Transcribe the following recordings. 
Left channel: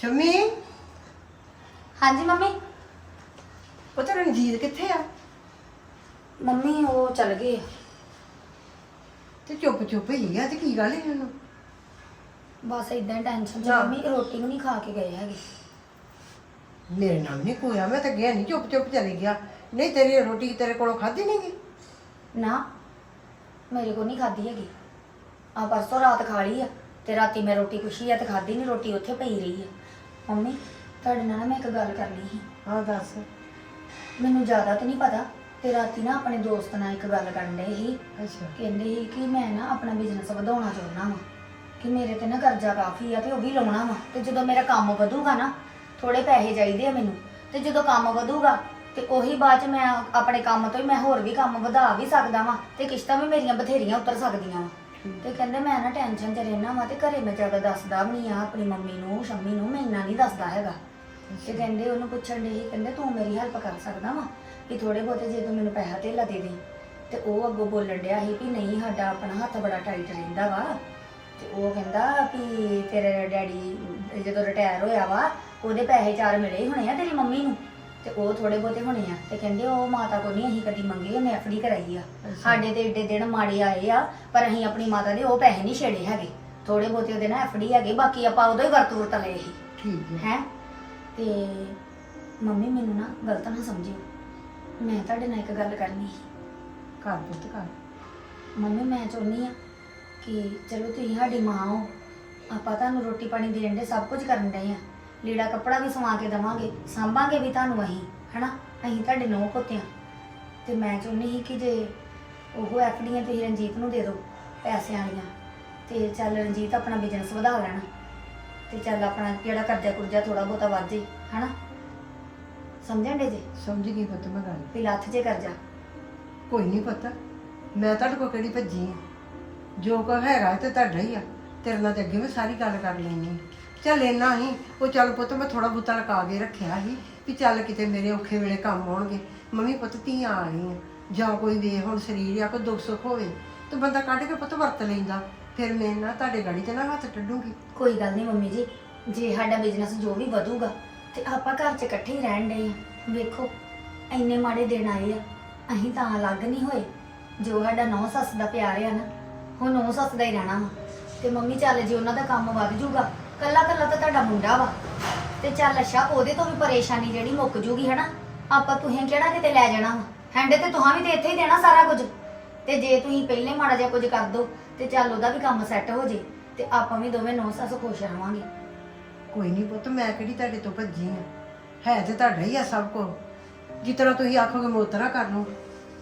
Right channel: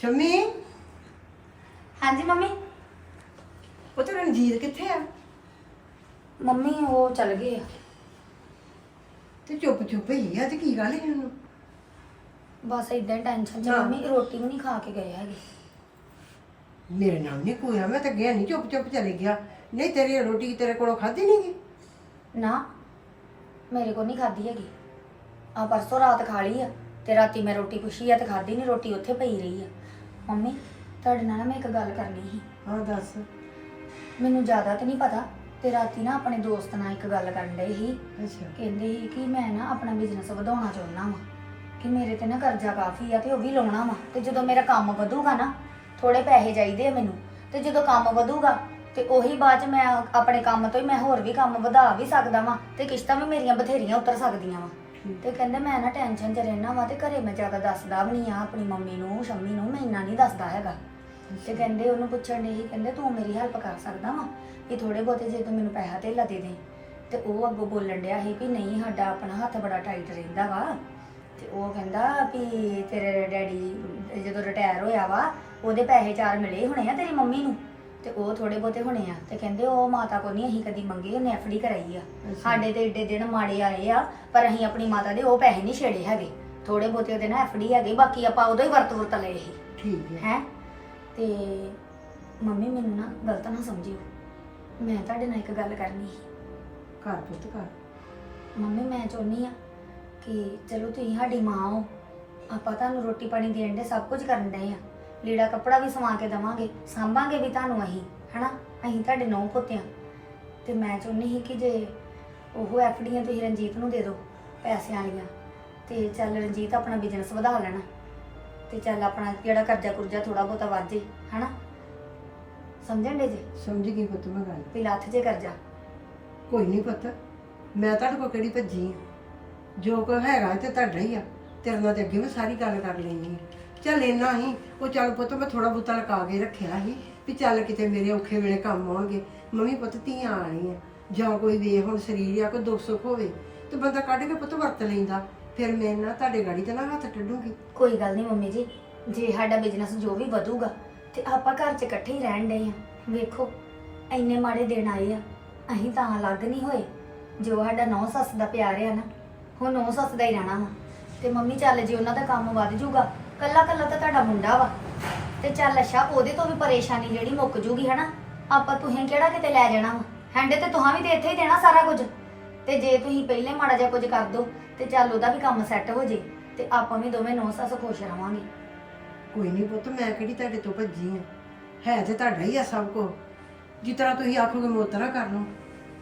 ਸ਼ਮੀ? ਹਾਂਜੀ ਮੰਮੀ? ਉਹ ਤੇ ਰਣਜੀਤ ਕਿੱਥੇ ਆ? ਮੰਮੀ ਉਹ ਚੱਲ ਗਏ ਆ। ਤੇ ਚੁੱਪ ਚੁੱਪ ਹੀ ਆ ਤੇ ਕੀ ਗੱਲ ਹੈ ਉਹਨੂੰ? ਬਸ ਇਦਾਂ ਹੀ ਟੈਨਸ਼ਨ ਚ ਹਾਂ। ਮੰਮੀ ਰੋਟੀ ਵੀ ਨਹੀਂ ਖਾ ਕੇ ਗਏ ਹੈਗੇ। ਮੇਰੇ ਨਾਲ ਨਹੀਂ ਕੋਇਆ ਮੈਂ ਤਾਂ ਗਿਆ ਨਹੀਂ ਚੁੱਪ ਚੁੱਪ ਚਲੇ ਗਿਆ। ਨਹੀਂ ਤੇਰੀ ਰੋਟੀ ਤੇਰੇ ਕੋਲੋਂ ਖਾਧੀ ਨਹੀਂ ਗਈ ਨਾ ਮੇਰੇ ਕੋ ਨਹੀਂ ਖਾਦੀ ਹੈਗੀ। ਆ ਪਰਸੋਂ ਰਾਤ ਖਾ ਲਈ ਆ ਤੇ ਰਾਤੀ ਮੈਂ ਰੋਟੀ ਪੁੱਛੀ ਆ ਤੇ ਖਾਦੀ ਨਹੀਂ ਰੋਟੀ ਉੱਥੇ ਪਈ ਰਹੀ ਆ। ਮੰਮੀ ਤੁਹਾਡੇ ਨਾਲ ਨਾ ਮੈਂ ਇੱਕ ਗੱਲ ਕਰਨੀ ਸੀ। ਹਾਂ ਦੱਸ। ਮੈਨੂੰ ਜ਼ਿਆਦਾ ਤਾਂ ਨਹੀਂ ਪਤਾ ਤੇ ਰਾਤੀ ਨਾ ਆਪਣੇ ਦੋਸਤ ਨਾਲ ਇੱਕ ਗੱਲ ਕਰਨ ਡਏ ਸੀ। ਅੱਛਾ। ਕਹਿੰਦੇ ਸੀ ਕਿ ਮੈਂ ਨਾ ਆਪਣਾ ਬਿਜ਼ਨਸ ਵਧਾਉਣਾ ਚਾਹੁੰਦਾ ਵਾਂ ਕਿ ਮੇਰੇ ਤੇ ਨਾ ਕਰਜ਼ਾ ਕਾਫੀ ਆ ਤੇ ਉਹ ਵੀ ਲਾਉਣਾ ਵਾ। ਤੇ ਜਦੋਂ ਮੇਰਾ ਕੰਮ ਵਧੂਗਾ ਨਾ ਥੋੜੇ ਪੈਸੇ ਚਾਹੀਦੇ ਆ ਮੈਨੂੰ। ਤੇ ਜਦੋਂ ਕੰਮ ਵਧੂਗਾ ਤੇ ਉਹੀ ਬਾਅਦ ਚ ਮੈਂ ਆਪਣੇ ਕੰਮ ਤੋਂ ਹੀ ਮੈਂ ਹੋਰ ਵੀ ਕੰਮ ਵਧਾ ਵੀ ਸਕਦਾ ਵਾਂ ਤੇ ਕਿਸ਼ਤਾਂ ਵੀ ਮੇਰੀਆਂ ਬਥੇਰੀਆਂ ਉਤਰ ਸਕਦੀਆਂ ਵਾ। ਤੇ ਕਹਿੰਦੇ ਮੈਂ ਨਾ ਟੈਨਸ਼ਨ 'ਚ ਰਹਿਣਾ ਵਾ ਤੇ ਘਰੇ ਮੈਂ ਜ਼ਿਆਦਾ ਦੱਸਦਾ ਵੀ ਨਹੀਂ ਆ ਆਪਣੀ ਮੰਮੀ ਨੂੰ, ਸ਼ੰਮੀ ਨੂੰ, ਮੈਂ ਇੰਨਾ ਨਹੀਂ ਦੱਸਦਾ ਹੈਗਾ। ਤੇ ਕਹਿੰਦੇ ਉਹਨੂੰ ਪੁੱਛਣ ਦੇ ਹੀ ਕਹਿੰਦੇ ਤੂੰ ਮੇਰੀ ਹੈਲਪ ਕਰ ਸਕਦਾ ਵਾ ਵੀ ਥੋੜੇ ਬਹੁਤੇ ਜੇ ਤੂੰ ਮੈਨੂੰ ਪੈਸਾ ਧੇਲਾ ਦੇ ਦੇ ਤੇ ਉਹ ਅੱਗੋਂ ਬੋਲਣ ਡਿਆ ਸੀ ਵੀ ਨਹੀਂ, ਸਾਡਾ ਆਪਣਾ ਹੱਥ ਬੜਾ ਟਾਈਟ ਰਹਿੰਦਾ ਵਾ। ਤੇ ਉਹ ਕਹਿੰਦਾ ਵੀ ਤੇਰੇ ਡੈਡੀ ਜਦੋਂ ਰਿਟਾਇਰ ਹੋਇਆ ਵਾ, ਉਹਦੇ ਪੈਸੇ ਚਾਰ ਮਿਲੇ ਹੋਣੇ ਆ ਤੇਰੀ ਮੰਮੀ ਨੂੰ। ਤੇ ਉਹ ਥੋੜੇ ਬਹੁਤੇ ਹੋਣੇ ਆ। ਤੇ ਕਹਿੰਦੇ ਉਹ ਮਾਤਾ ਕੋ ਨਹੀਂ ਅਸੀਂ ਕਦੀ ਮੰਗੇ ਉਹਨੇ ਐਫਡੀ ਕਰਾਈ ਆ। ਸਾਡੇ ਤੇ ਏਡੇ ਦਿਨ ਮਾੜੇ ਆਏ ਆ ਪਰ ਅਸੀਂ ਆਪਣੀ ਮਾਤਾ ਦੇ ਉਹ ਪੈਸੇ ਨਹੀਂ ਛੇੜੇ ਹੈਗੇ। ਥੋੜੇ ਬਹੁਤੇ ਉਹਦੇ ਨਾਲ ਐਫਡੀ ਹੈਗੇ ਬਾਕੀ ਆਪਾਂ ਉਦੋਂ ਹੀ ਵਰਤ ਵਰਤ ਲਏ ਸੀ। ਠੀਕ ਹੈ। ਹੈ? ਤੇ ਮੰਮੀ ਮੈਨੂੰ ਨਾ ਗਲਤ ਨਾ ਸਮਝਿਓ। ਮੈਂ ਤੁਹਾਡੇ ਨਾਲ ਇੱਕ ਗੱਲ ਕਰਨੀ ਸੀ। ਘਰ ਪੁੱਤ ਘਰ ਮੰਮੀ ਮੈਂ ਚਾਹੁੰਦੀ ਆ ਕਿ ਚਲੋ ਤੁਸੀਂ ਸਾਡੀ ਮਾਂ ਹੋ। ਆਪਾਂ ਤੁਹਾਨੂੰ ਰੋਟੀ ਪਾਣੀ ਦੇਣ ਦੇ ਸਭ ਕੁਝ ਕਰਨ ਡਏ ਆ। ਲੀੜਾ ਕੱਪੜਾ ਵੀ ਸਵਾ ਕੇ ਦਵਾਂਗੇ ਸਾਂਭਾਂਗੇ ਵੀ ਤੁਹਾਨੂੰ ਅਸੀਂ ਹਨਾ? ਅਸੀਂ ਤੁਹਾਡੇ ਨੌ ਪੁੱਤਿਆਂ। ਤੇ ਮੈਂ ਚਾਹੁੰਦੀ ਸੀ ਕਿ ਜੇ ਉਹ ਐਫਡੀਆਂ ਤੁਸੀਂ ਰਣਜੀਤ ਨੂੰ ਦੇ ਦਿਓ ਪੈਸਿਆਂ ਵਾਲੀਆਂ। ਤੇ ਚੱਲ ਰਣਜੀਤ ਆਪਣਾ ਬਿਜ਼ਨਸ ਵਧਾ ਲੈਣਾ। ਤੇ ਚੱਲ ਆਪਣਾ ਜਿਹੜਾ ਕਰਜ਼ਾ ਕੁਰਜ਼ਾ ਥੋੜਾ ਬਹੁਤਾ ਵੱਧ ਜੇ ਹਨਾ? ਸਮਝਣ ਦੇ ਜੇ? ਸਮਝ ਗਈ ਪੁੱਤ ਮੈਂ ਗੱਲ। ਵੀ ਲੱਥ ਜੇ ਕਰਜ਼ਾ। ਕੋਈ ਨਹੀਂ ਪੁੱਤ ਮੈਂ ਤੁਹਾਡੇ ਕੋਲ ਕਿਹੜੀ ਭੱਜੀ ਆ? ਜੋ ਕੋਈ ਹੈਗਾ ਤੇ ਤੁਹਾਡਾ ਹੀ ਆ। ਤੇਰੇ ਨਾਲ ਤੇ ਅੱਗੇ ਮੈਂ ਸਾਰੀ ਗੱਲ ਕਰ ਲੈਣੀ ਆ। ਚੱਲ ਇੰਨਾ ਹੀ। ਉਹ ਚੱਲ ਪੁੱਤ ਮੈਂ ਥੋੜਾ ਬਹੁਤਾ ਲਗਾ ਕੇ ਰੱਖਿਆ ਸੀ ਵੀ ਚੱਲ ਕਿਤੇ ਮੇਰੇ ਔਖੇ ਵੇਲੇ ਕੰਮ ਆਉਣਗੇ। ਮੰਮੀ ਪੁੱਤ ਧੀਆਂ ਆਣੀ ਆ ਜਾਂ ਕੋਈ ਵੀ ਹੁਣ ਸਰੀਰ ਆ ਕੋਈ ਦੁੱਖ ਸੁੱਖ ਹੋਵੇ ਤੇ ਬੰਦਾ ਕੱਢ ਕੇ ਪੁੱਤ ਵਰਤ ਲੈਂਦਾ। ਫਿਰ ਮੈਂ ਨਾ ਤੁਹਾਡੇ ਗਾੜੀ ਤੇ ਨਾ ਹੱਥ ਟੱਡੂਗੀ। ਕੋਈ ਗੱਲ ਨਹੀਂ ਮੰਮੀ ਜੀ। ਜੇ ਸਾਡਾ ਬਿਜ਼ਨਸ ਜੋ ਵੀ ਵਧੂਗਾ ਤੇ ਆਪਾਂ ਘਰ 'ਚ ਇਕੱਠੇ ਹੀ ਰਹਿਣ ਡਏ ਆ। ਵੇਖੋ, ਇੰਨੇ ਮਾੜੇ ਦਿਨ ਆਏ ਆ। ਅਸੀਂ ਤਾਂ ਅਲੱਗ ਨਹੀਂ ਹੋਏ। ਜੋ ਸਾਡਾ ਨੌ ਸੱਸ ਦਾ ਪਿਆਰ ਆ ਨਾ, ਉਹ ਨੌ ਸੱਸ ਦਾ ਹੀ ਰਹਿਣਾ ਵਾ। ਤੇ ਮੰਮੀ ਚੱਲ ਜੇ ਉਹਨਾਂ ਦਾ ਕੰਮ ਵੱਧ ਜੂਗਾ ਕੱਲਾ ਕੱਲਾ ਤਾਂ ਤੁਹਾਡਾ ਮੁੰਡਾ ਵਾ। ਤੇ ਚੱਲ ਅੱਛਾ, ਉਹਦੇ ਤੋਂ ਵੀ ਪਰੇਸ਼ਾਨੀ ਜਿਹੜੀ ਮੁੱਕ ਜੂਗੀ ਹਨਾ। ਆਪਾਂ ਤੁਸੀਂ ਕਿਹੜਾ ਕਿਤੇ ਲੈ ਜਾਣਾ ਵਾ? ਹੈਂਡੇ ਤੇ ਤੁਹਾਂ ਵੀ ਤੇ ਇੱਥੇ ਹੀ ਦੇਣਾ ਸਾਰਾ ਕੁਝ। ਤੇ ਜੇ ਤੁਸੀਂ ਪਹਿਲੇ ਮਾੜਾ ਜਿਹਾ ਕੁਝ ਕਰ ਦੋ, ਤੇ ਚੱਲ ਉਹਦਾ ਵੀ ਕੰਮ ਸੈੱਟ ਹੋ ਜੇ। ਤੇ ਆਪਾਂ ਵੀ ਦੋਵੇਂ ਨੌ ਸੱਸ ਖੁਸ਼ ਰਵਾਂਗੇ। ਕੋਈ ਨਹੀਂ ਪੁੱਤ, ਮੈਂ ਕਿਹੜੀ ਤੁਹਾਡੇ ਤੋਂ ਭੱਜੀ ਆ? ਹੈ ਤੇ ਤੁਹਾਡਾ ਹੀ ਆ ਸਭ ਕੁਝ। ਜਿਸ ਤਰ੍ਹਾਂ ਤੁਸੀਂ ਆਖੋਗੇ ਮੈਂ ਉਸ ਤਰ੍ਹਾਂ ਕਰ ਲੂੰ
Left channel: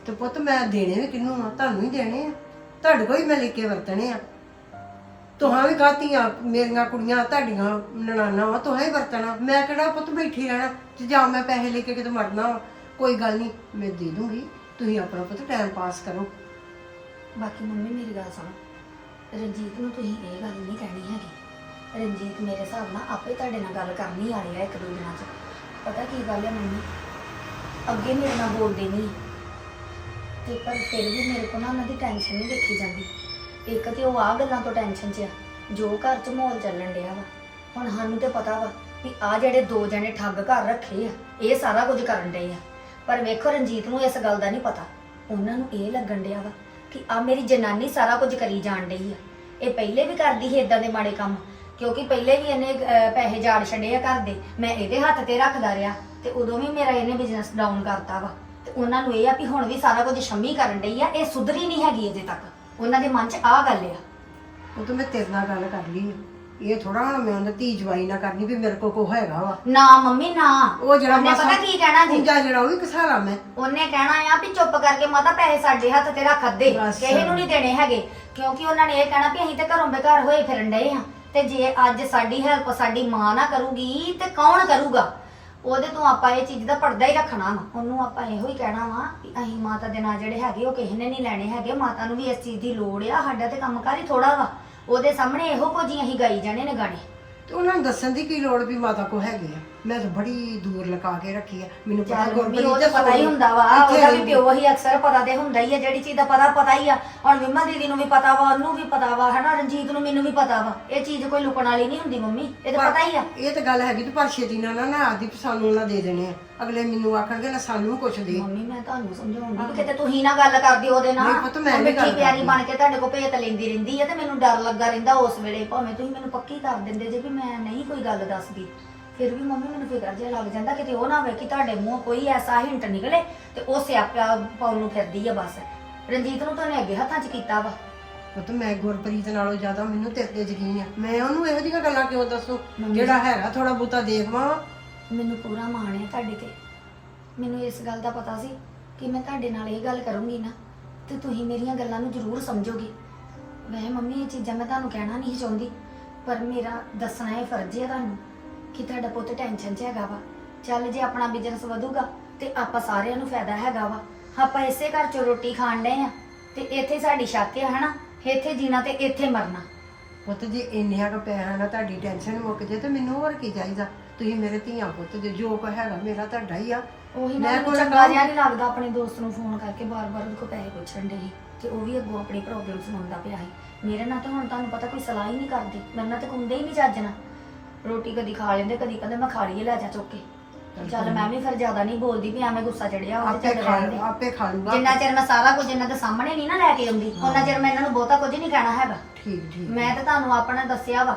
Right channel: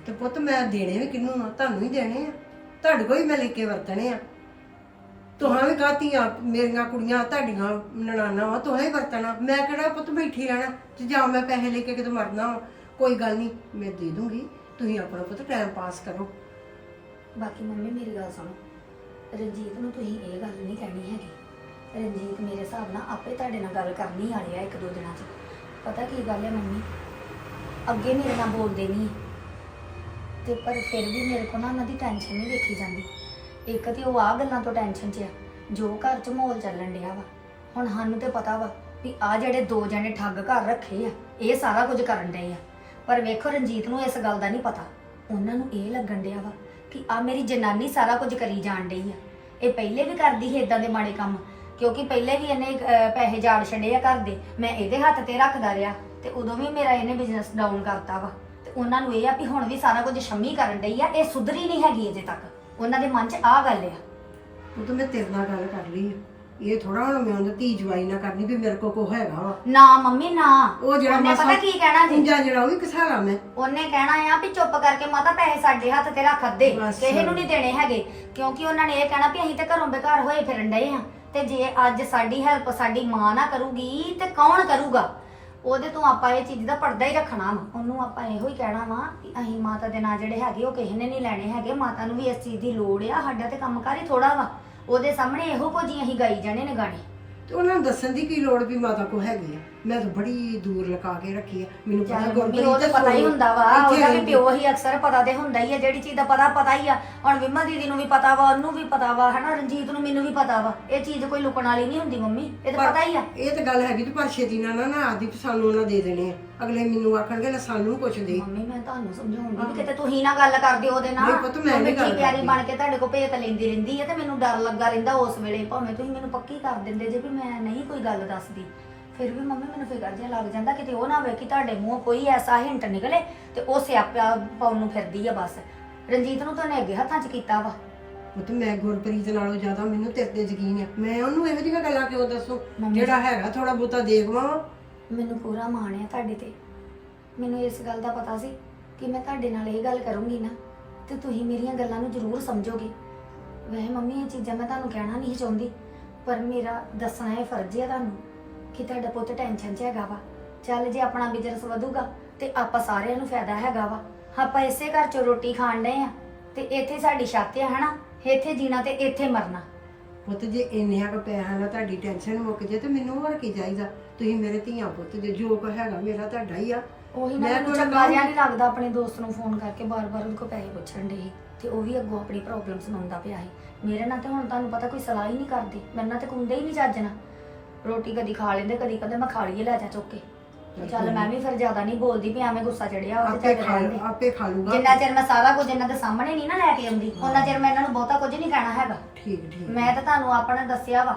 ਤੇ ਪੁੱਤ, ਮੈਂ ਦੇਣੇ ਵੀ ਕਿਹਨੂੰ ਆ? ਤੁਹਾਨੂੰ ਹੀ ਦੇਣੇ ਆ। ਤੁਹਾਡੇ ਕੋਲ ਹੀ ਮੈਂ ਲੈ ਕੇ ਵਰਤਣੇ ਆ। ਤੁਹਾਂ ਵੀ ਖਾਤੀਆਂ ਮੇਰੀਆਂ ਕੁੜੀਆਂ, ਤੁਹਾਡੀਆਂ ਨਨਾਣਾ ਵਾ, ਤੁਹਾਂ ਹੀ ਵਰਤਣਾ। ਮੈਂ ਕਿਹੜਾ ਪੁੱਤ ਬੈਠੀ ਰਹਿਣਾ ਤੇ ਜਾਂ ਮੈਂ ਪੈਸੇ ਲੈ ਕੇ ਕਿਤੇ ਮਰਨਾ ਵਾ? ਕੋਈ ਗੱਲ ਨਹੀਂ, ਮੈਂ ਦੇ ਦੂੰਗੀ। ਤੁਸੀਂ ਆਪਣਾ ਪੁੱਤ ਟਾਈਮ ਪਾਸ ਕਰੋ। ਬਾਕੀ ਮੰਮੀ, ਮੇਰੀ ਗੱਲ ਸੁਣੋ। ਰਣਜੀਤ ਨੂੰ ਤੁਸੀਂ ਇਹ ਗੱਲ ਨਹੀਂ ਕਹਿਣੀ ਹੈਗੀ। ਰਣਜੀਤ ਮੇਰੇ ਹਿਸਾਬ ਨਾਲ ਆਪੇ ਤੁਹਾਡੇ ਨਾਲ ਗੱਲ ਕਰਨੀ ਵਾਲੇ ਆ ਇੱਕ ਦੋ ਦਿਨਾਂ 'ਚ। ਪਤਾ ਕੀ ਗੱਲ ਹੈ ਮੰਮੀ? ਅੱਗੇ ਮੇਰੇ ਨਾਲ ਬੋਲਦੇ ਨਹੀਂ। ਤੇ ਪਰ ਫਿਰ ਵੀ ਮੇਰੇ ਕੋਲ ਨਾ ਉਹਨਾਂ ਦੀ ਟੈਨਸ਼ਨ ਨਹੀਂ ਦੇਖੀ ਜਾਂਦੀ। ਇੱਕ ਤੇ ਉਹ ਆ ਗੱਲਾਂ ਤੋਂ ਟੈਨਸ਼ਨ 'ਚ ਆ ਜੋ ਘਰ 'ਚ ਮਾਹੌਲ ਚੱਲਣ ਡਿਆ ਵਾ। ਹੁਣ ਸਾਨੂੰ ਤੇ ਪਤਾ ਵਾ ਵੀ ਆ ਜਿਹੜੇ ਦੋ ਜਣੇ ਠੱਗ ਘਰ ਰੱਖੇ ਆ ਇਹ ਸਾਰਾ ਕੁਝ ਕਰਨ ਡਏ ਆ। ਪਰ ਵੇਖੋ ਰਣਜੀਤ ਨੂੰ ਇਸ ਗੱਲ ਦਾ ਨਹੀਂ ਪਤਾ। ਉਹਨਾਂ ਨੂੰ ਇਹ ਲੱਗਣ ਡਿਆ ਵਾ ਕਿ ਆ ਮੇਰੀ ਜਨਾਨੀ ਸਾਰਾ ਕੁਝ ਕਰੀ ਜਾਣ ਡਈ ਆ। ਇਹ ਪਹਿਲੇ ਵੀ ਕਰਦੀ ਸੀ ਇਦਾਂ ਦੇ ਮਾੜੇ ਕੰਮ ਕਿਉਂਕਿ ਪਹਿਲੇ ਵੀ ਇਹਨੇ ਅਹ, ਪੈਸੇ ਜਾੜ ਛੱਡੇ ਆ ਘਰ ਦੇ। ਮੈਂ ਇਹਦੇ ਹੱਥ ਤੇ ਰੱਖਦਾ ਰਿਹਾ ਤੇ ਉਦੋਂ ਵੀ ਮੇਰਾ ਇਹਨੇ ਬਿਜ਼ਨਸ ਡਾਊਨ ਕਰਤਾ ਵਾ। ਤੇ ਉਹਨਾਂ ਨੂੰ ਇਹ ਆ ਵੀ ਹੁਣ ਵੀ ਸਾਰਾ ਕੁਝ ਸ਼ੰਮੀ ਕਰਨ ਡਈ ਆ ਇਹ ਸੁਧਰੀ ਨਹੀਂ ਹੈਗੀ ਅਜੇ ਤੱਕ। ਉਹਨਾਂ ਦੇ ਮਨ 'ਚ ਆ ਗੱਲ ਆ। ਉਹ ਤਾਂ ਮੈਂ ਤੇਰੇ ਨਾਲ ਗੱਲ ਕਰ ਲਈ। ਇਹ ਥੋੜਾ ਹੁਣ ਮੈਂ ਉਹਨਾਂ ਧੀ ਜਵਾਈ ਨਾ ਕਰਨੀ ਵੀ ਮੇਰੇ ਕੋਲ ਕੋ ਹੈਗਾ ਵਾ। ਨਾ ਮੰਮੀ ਨਾ। ਉਹ ਜਿਹੜਾ ਉਹਨੇ ਪਤਾ ਕੀ ਕਹਿਣਾ ਜੀ? ਪੁੰਜਾ ਜਿਹੜਾ ਉਹ ਵੀ ਕਸਾਰਾ ਮੈਂ। ਉਹਨੇ ਕਹਿਣਾ ਆ ਵੀ ਚੁੱਪ ਕਰਕੇ ਮਾਤਾ ਪੈਸੇ ਸਾਡੇ ਹੱਥ ਤੇ ਰੱਖ ਦੇ ਬਸ। ਕਿਸੇ ਨੂੰ ਨਹੀਂ ਦੇਣੇ ਹੈਗੇ। ਕਿਉਂਕਿ ਉਹਨਾਂ ਨੇ ਇਹ ਕਹਿਣਾ ਵੀ ਅਸੀਂ ਤਾਂ ਘਰੋਂ ਬੇਘਰ ਹੋਏ ਫਿਰਨ ਡਏ ਆ। ਤੇ ਜੇ ਅੱਜ ਸਾਡੀ ਹੈਲਪ ਸਾਡੀ ਮਾਂ ਨਾ ਕਰੂਗੀ ਤੇ ਕੌਣ ਕਰੂਗਾ? ਉਹਦੇ ਤੋਂ ਆਪਾਂ ਇਹ ਚੀਜ਼ ਦਾ ਪਰਦਾ ਹੀ ਰੱਖਣਾ ਵਾ। ਉਹਨੂੰ ਆਪਾਂ ਇਹੋ ਹੀ ਕਹਿਣਾ ਵਾ ਕਿ ਅਸੀਂ ਮਾਤਾ ਦੇ ਨਾਂ ਜਿਹੜੇ ਹੈਗੇ, ਉਹ ਕਿਸੇ ਨੇ ਨਹੀਂ ਲੈਣੇ ਹੈਗੇ। ਮਾਤਾ ਨੂੰ ਵੀ ਇਸ ਚੀਜ਼ ਦੀ ਲੋੜ ਆ, ਸਾਡਾ ਤੇ ਕੰਮਕਾਰ ਹੀ ਥੋੜਾ ਵਾ। ਉਹਦੇ ਸਾਹਮਣੇ ਇਹੋ ਕੁਝ ਹੀ ਅਸੀਂ ਗਾਈ ਜਾਣੇ ਨੇ ਗਾਣੇ। ਤੇ ਉਹਨਾਂ ਨੂੰ ਦੱਸਣ ਦੀ ਕੀ ਲੋੜ ਵੀ ਮਾਤਾ ਕੋ ਹੈਗੀ ਆ? ਮੈਂ ਤਾਂ ਬੜੀ ਦੂਰ ਲਗਾ ਕੇ ਰੱਖੀ ਆ। ਮੈਨੂੰ ਪਤਾ ਮੰਮੀ ਉਹ ਤਾਂ ਪਤਾ ਹੀ ਹੁੰਦਾ ਵਾ ਉਹਦਾ ਵੀ। ਪਿਓ ਹੀ ਅਕਸਰ ਪਤਾ ਤੇ ਹੁੰਦਾ ਹੀ ਆ ਜਿਹੜੀ ਚੀਜ਼ ਦਾ ਪਤਾ ਪਤਾ ਹੀ ਆ। ਹੁਣ ਵਿਮਾ ਦੀਦੀ ਨੂੰ ਵੀ ਪਤਾ ਵਾ ਉਹਨੂੰ ਵੀ ਪਤਾ ਵਾ ਹਨਾ? ਰਣਜੀਤ ਨੂੰ ਮੈਨੂੰ ਵੀ ਪਤਾ ਵਾ। ਇਹ ਚੀਜ਼ ਕੋਈ ਲੁਕਣ ਵਾਲੀ ਨਹੀਂ ਹੁੰਦੀ ਮੰਮੀ ਇਹ ਤਾਂ ਪਤਾ ਹੀ ਆ। ਇਹ ਤਾਂ ਗੱਲ ਹੈਗੀ ਤੇ ਪਰ ਛੇਤੀ ਨਾਲ ਨਾ ਨਾ ਆਦੀ ਵੀ ਸਾਨੂੰ ਉਹਨਾਂ ਦੇ ਦੇਣੇ ਆ। ਅਗਲੇ ਮੈਨੂੰ ਆਖਣਗੇ ਲੈ ਸਾਨੂੰ ਕੁਛ ਦੇ। ਮੰਮੀ ਮੈਂ ਤੁਹਾਨੂੰ ਸਮਝਾਉਂਦੀ ਵੀ ਕਿਤੇ ਤੁਸੀਂ ਨਾ ਗੱਲ ਕਰਦੇ ਉਹਦੇ ਨਾਲ। ਨਹੀਂ ਪੁੱਤ, ਮੈਂ ਉਹ ਨਹੀਂ ਮਿੱਠੀ ਗੱਲ ਪਿਆਰੀ। ਬਣ ਕੇ ਤੁਹਾਡੇ ਕੋਲ ਭੇਤ ਲੈਂਦੀ ਰਹਿੰਦੀ ਹੈ ਤੇ ਮੈਨੂੰ ਡਰ ਲੱਗਾ ਰਹਿੰਦਾ ਉਸ ਵੇਲੇ। ਭਾਵੇਂ ਤੁਸੀਂ ਮੈਨੂੰ ਪੱਕੀ ਕਰ ਦਿੰਦੇ ਜੇ ਵੀ ਮੈਂ ਨਹੀਂ ਕੋਈ ਗੱਲ ਦੱਸਦੀ। ਫਿਰ ਵੀ ਮੰਮੀ ਮੈਨੂੰ ਫਿਕਰ ਜਿਹਾ ਲੱਗ ਜਾਂਦਾ ਕਿਤੇ ਉਹ ਨਾ ਹੋਵੇ ਕਿ ਤੁਹਾਡੇ ਮੂੰਹੋਂ ਕੋਈ ਐਸਾ ਹਿੰਟ ਨਿਕਲੇ ਤੇ ਉਹ ਸਿਆਪਾ ਪਾਉਣ ਨੂੰ ਫਿਰਦੀ ਆ ਬਸ। ਰਣਜੀਤ ਨੂੰ ਤਾਂ ਉਹਨੇ ਅੱਗੇ ਹੱਥਾਂ 'ਚ ਕੀਤਾ ਵਾ। ਉਹ ਤਾਂ ਮੈਂ ਗੁਰਪ੍ਰੀਤ ਨਾਲੋਂ ਜ਼ਿਆਦਾ ਮੈਨੂੰ ਤੇਰੇ ਤੇ ਯਕੀਨ ਆ। ਮੈਂ ਉਹਨੂੰ ਇਹੋ ਜਿਹੀਆਂ ਗੱਲਾਂ ਕਿਉਂ ਦੱਸੂ। ਜਿਹੜਾ ਹੈਗਾ ਥੋੜਾ ਬੂਤਾ ਦੇਖਵਾ ਮੈਨੂੰ ਪੂਰਾ ਮਾਣ ਹੈ ਤੁਹਾਡੇ ਤੇ। ਮੈਨੂੰ ਇਸ ਗੱਲ ਦਾ ਪਤਾ ਸੀ ਕਿ ਮੈਂ ਤੁਹਾਡੇ ਨਾਲ ਇਹ ਗੱਲ ਕਰੂੰਗੀ ਨਾ ਤੇ ਤੁਸੀਂ ਮੇਰੀਆਂ ਗੱਲਾਂ ਨੂੰ ਜ਼ਰੂਰ ਸਮਝੋਗੇ। ਵੈਸੇ ਮੰਮੀ ਇਹ ਚੀਜ਼ਾਂ ਮੈਂ ਤੁਹਾਨੂੰ ਕਹਿਣਾ ਨਹੀਂ ਚਾਹੁੰਦੀ ਪਰ ਮੇਰਾ ਦੱਸਣਾ ਇਹ ਫਰਜ਼ ਹੈ ਤੁਹਾਨੂੰ ਕਿ ਤੁਹਾਡਾ ਪੁੱਤ ਟੈਨਸ਼ਨ 'ਚ ਹੈਗਾ ਵਾ। ਚੱਲ ਜੇ ਆਪਣਾ ਬਿਜ਼ਨਸ ਵਧੂਗਾ ਤੇ ਆਪਾਂ ਸਾਰਿਆਂ ਨੂੰ ਫਾਇਦਾ ਹੈਗਾ ਵਾ। ਆਪਾਂ ਇਸੇ ਘਰ 'ਚੋਂ ਰੋਟੀ ਖਾਣ ਡਏ ਆ ਤੇ ਇੱਥੇ ਸਾਡੀ ਛੱਤ ਹੈ ਹਨਾ? ਇੱਥੇ ਜੀਣਾ ਤੇ ਇੱਥੇ ਮਰਨਾ। ਪੁੱਤ ਜੇ ਇੰਨਿਆਂ ਕੁ ਪੈਸਿਆਂ ਨਾਲ ਤੁਹਾਡੀ ਟੈਨਸ਼ਨ ਮੁੱਕ ਜੇ ਤੇ ਮੈਨੂੰ ਹੋਰ ਕੀ ਚਾਹੀਦਾ? ਤੁਸੀਂ ਮੇਰੇ ਧੀਆਂ ਪੁੱਤ ਦੇ ਜੋ ਕੋ ਹੈਗਾ ਮੇਰਾ ਤੁਹਾਡਾ ਹੀ ਆ। ਉਹੀ ਨਾ ਮੈਂ ਮੈਨੂੰ ਕੋਲ ਚੰਗਾ। ਜਿਹਾ ਨਹੀਂ ਲੱਗਦਾ ਆਪਣੇ ਦੋਸਤ ਨੂੰ ਫੋਨ ਕਰਕੇ ਬਾਰ-ਬਾਰ ਉਹਦੇ ਕੋਲ ਪੈਸੇ ਪੁੱਛਣ ਦੇ ਤੇ ਉਹ ਵੀ ਅੱਗੋਂ ਆਪਣੀ ਪ੍ਰੋਬਲਮ ਸੁਣਾਉਂਦਾ ਪਿਆ ਸੀ। ਮੇਰੇ ਨਾਲ ਤਾਂ ਹੁਣ ਤੁਹਾਨੂੰ ਪਤਾ ਕੋਈ ਸਲਾਹ ਹੀ ਨਹੀਂ ਕਰਦੀ। ਮੇਰੇ ਨਾਲ ਤਾਂ ਕੁੰਦੇ ਹੀ ਨਹੀਂ ਚੱਜਣਾ ਰੋਟੀ ਕਦੀ ਖਾ ਲੈਂਦੇ ਕਦੀ ਕਹਿੰਦੇ ਮੈਂ ਖਾ ਲਈਏ ਲੈ ਜਾ ਚੁੱਕ ਕੇ। ਚੱਲ ਮੈਂ ਵੀ ਫਿਰ ਜ਼ਿਆਦਾ ਨਹੀਂ ਬੋਲਦੀ ਵੀ ਐਵੇਂ ਗੁੱਸਾ ਚੜਿਆ ਉਹਦੇ ਆਪੇ ਚੱਲ ਖਾ ਆਪੇ ਖਾ ਲੂਗਾ। ਜਿੰਨਾ ਚਿਰ ਮੈਂ ਸਾਰਾ ਕੁਝ ਇਹਨਾਂ ਦੇ ਸਾਹਮਣੇ ਨਹੀਂ ਨਾ ਲੈ ਕੇ ਆਉਂਦੀ ਉਹਨਾਂ ਚਿਰ ਮੈਂ ਇਹਨਾਂ ਨੂੰ ਬਹੁਤਾ ਕੁਝ ਨਹੀਂ ਕਹਿਣਾ ਹੈਗਾ। ਠੀਕ ਠੀਕ। ਮੈਂ ਤਾਂ ਤੁਹਾਨੂੰ ਆਪਣਾ ਦੱਸਿਆ ਵਾ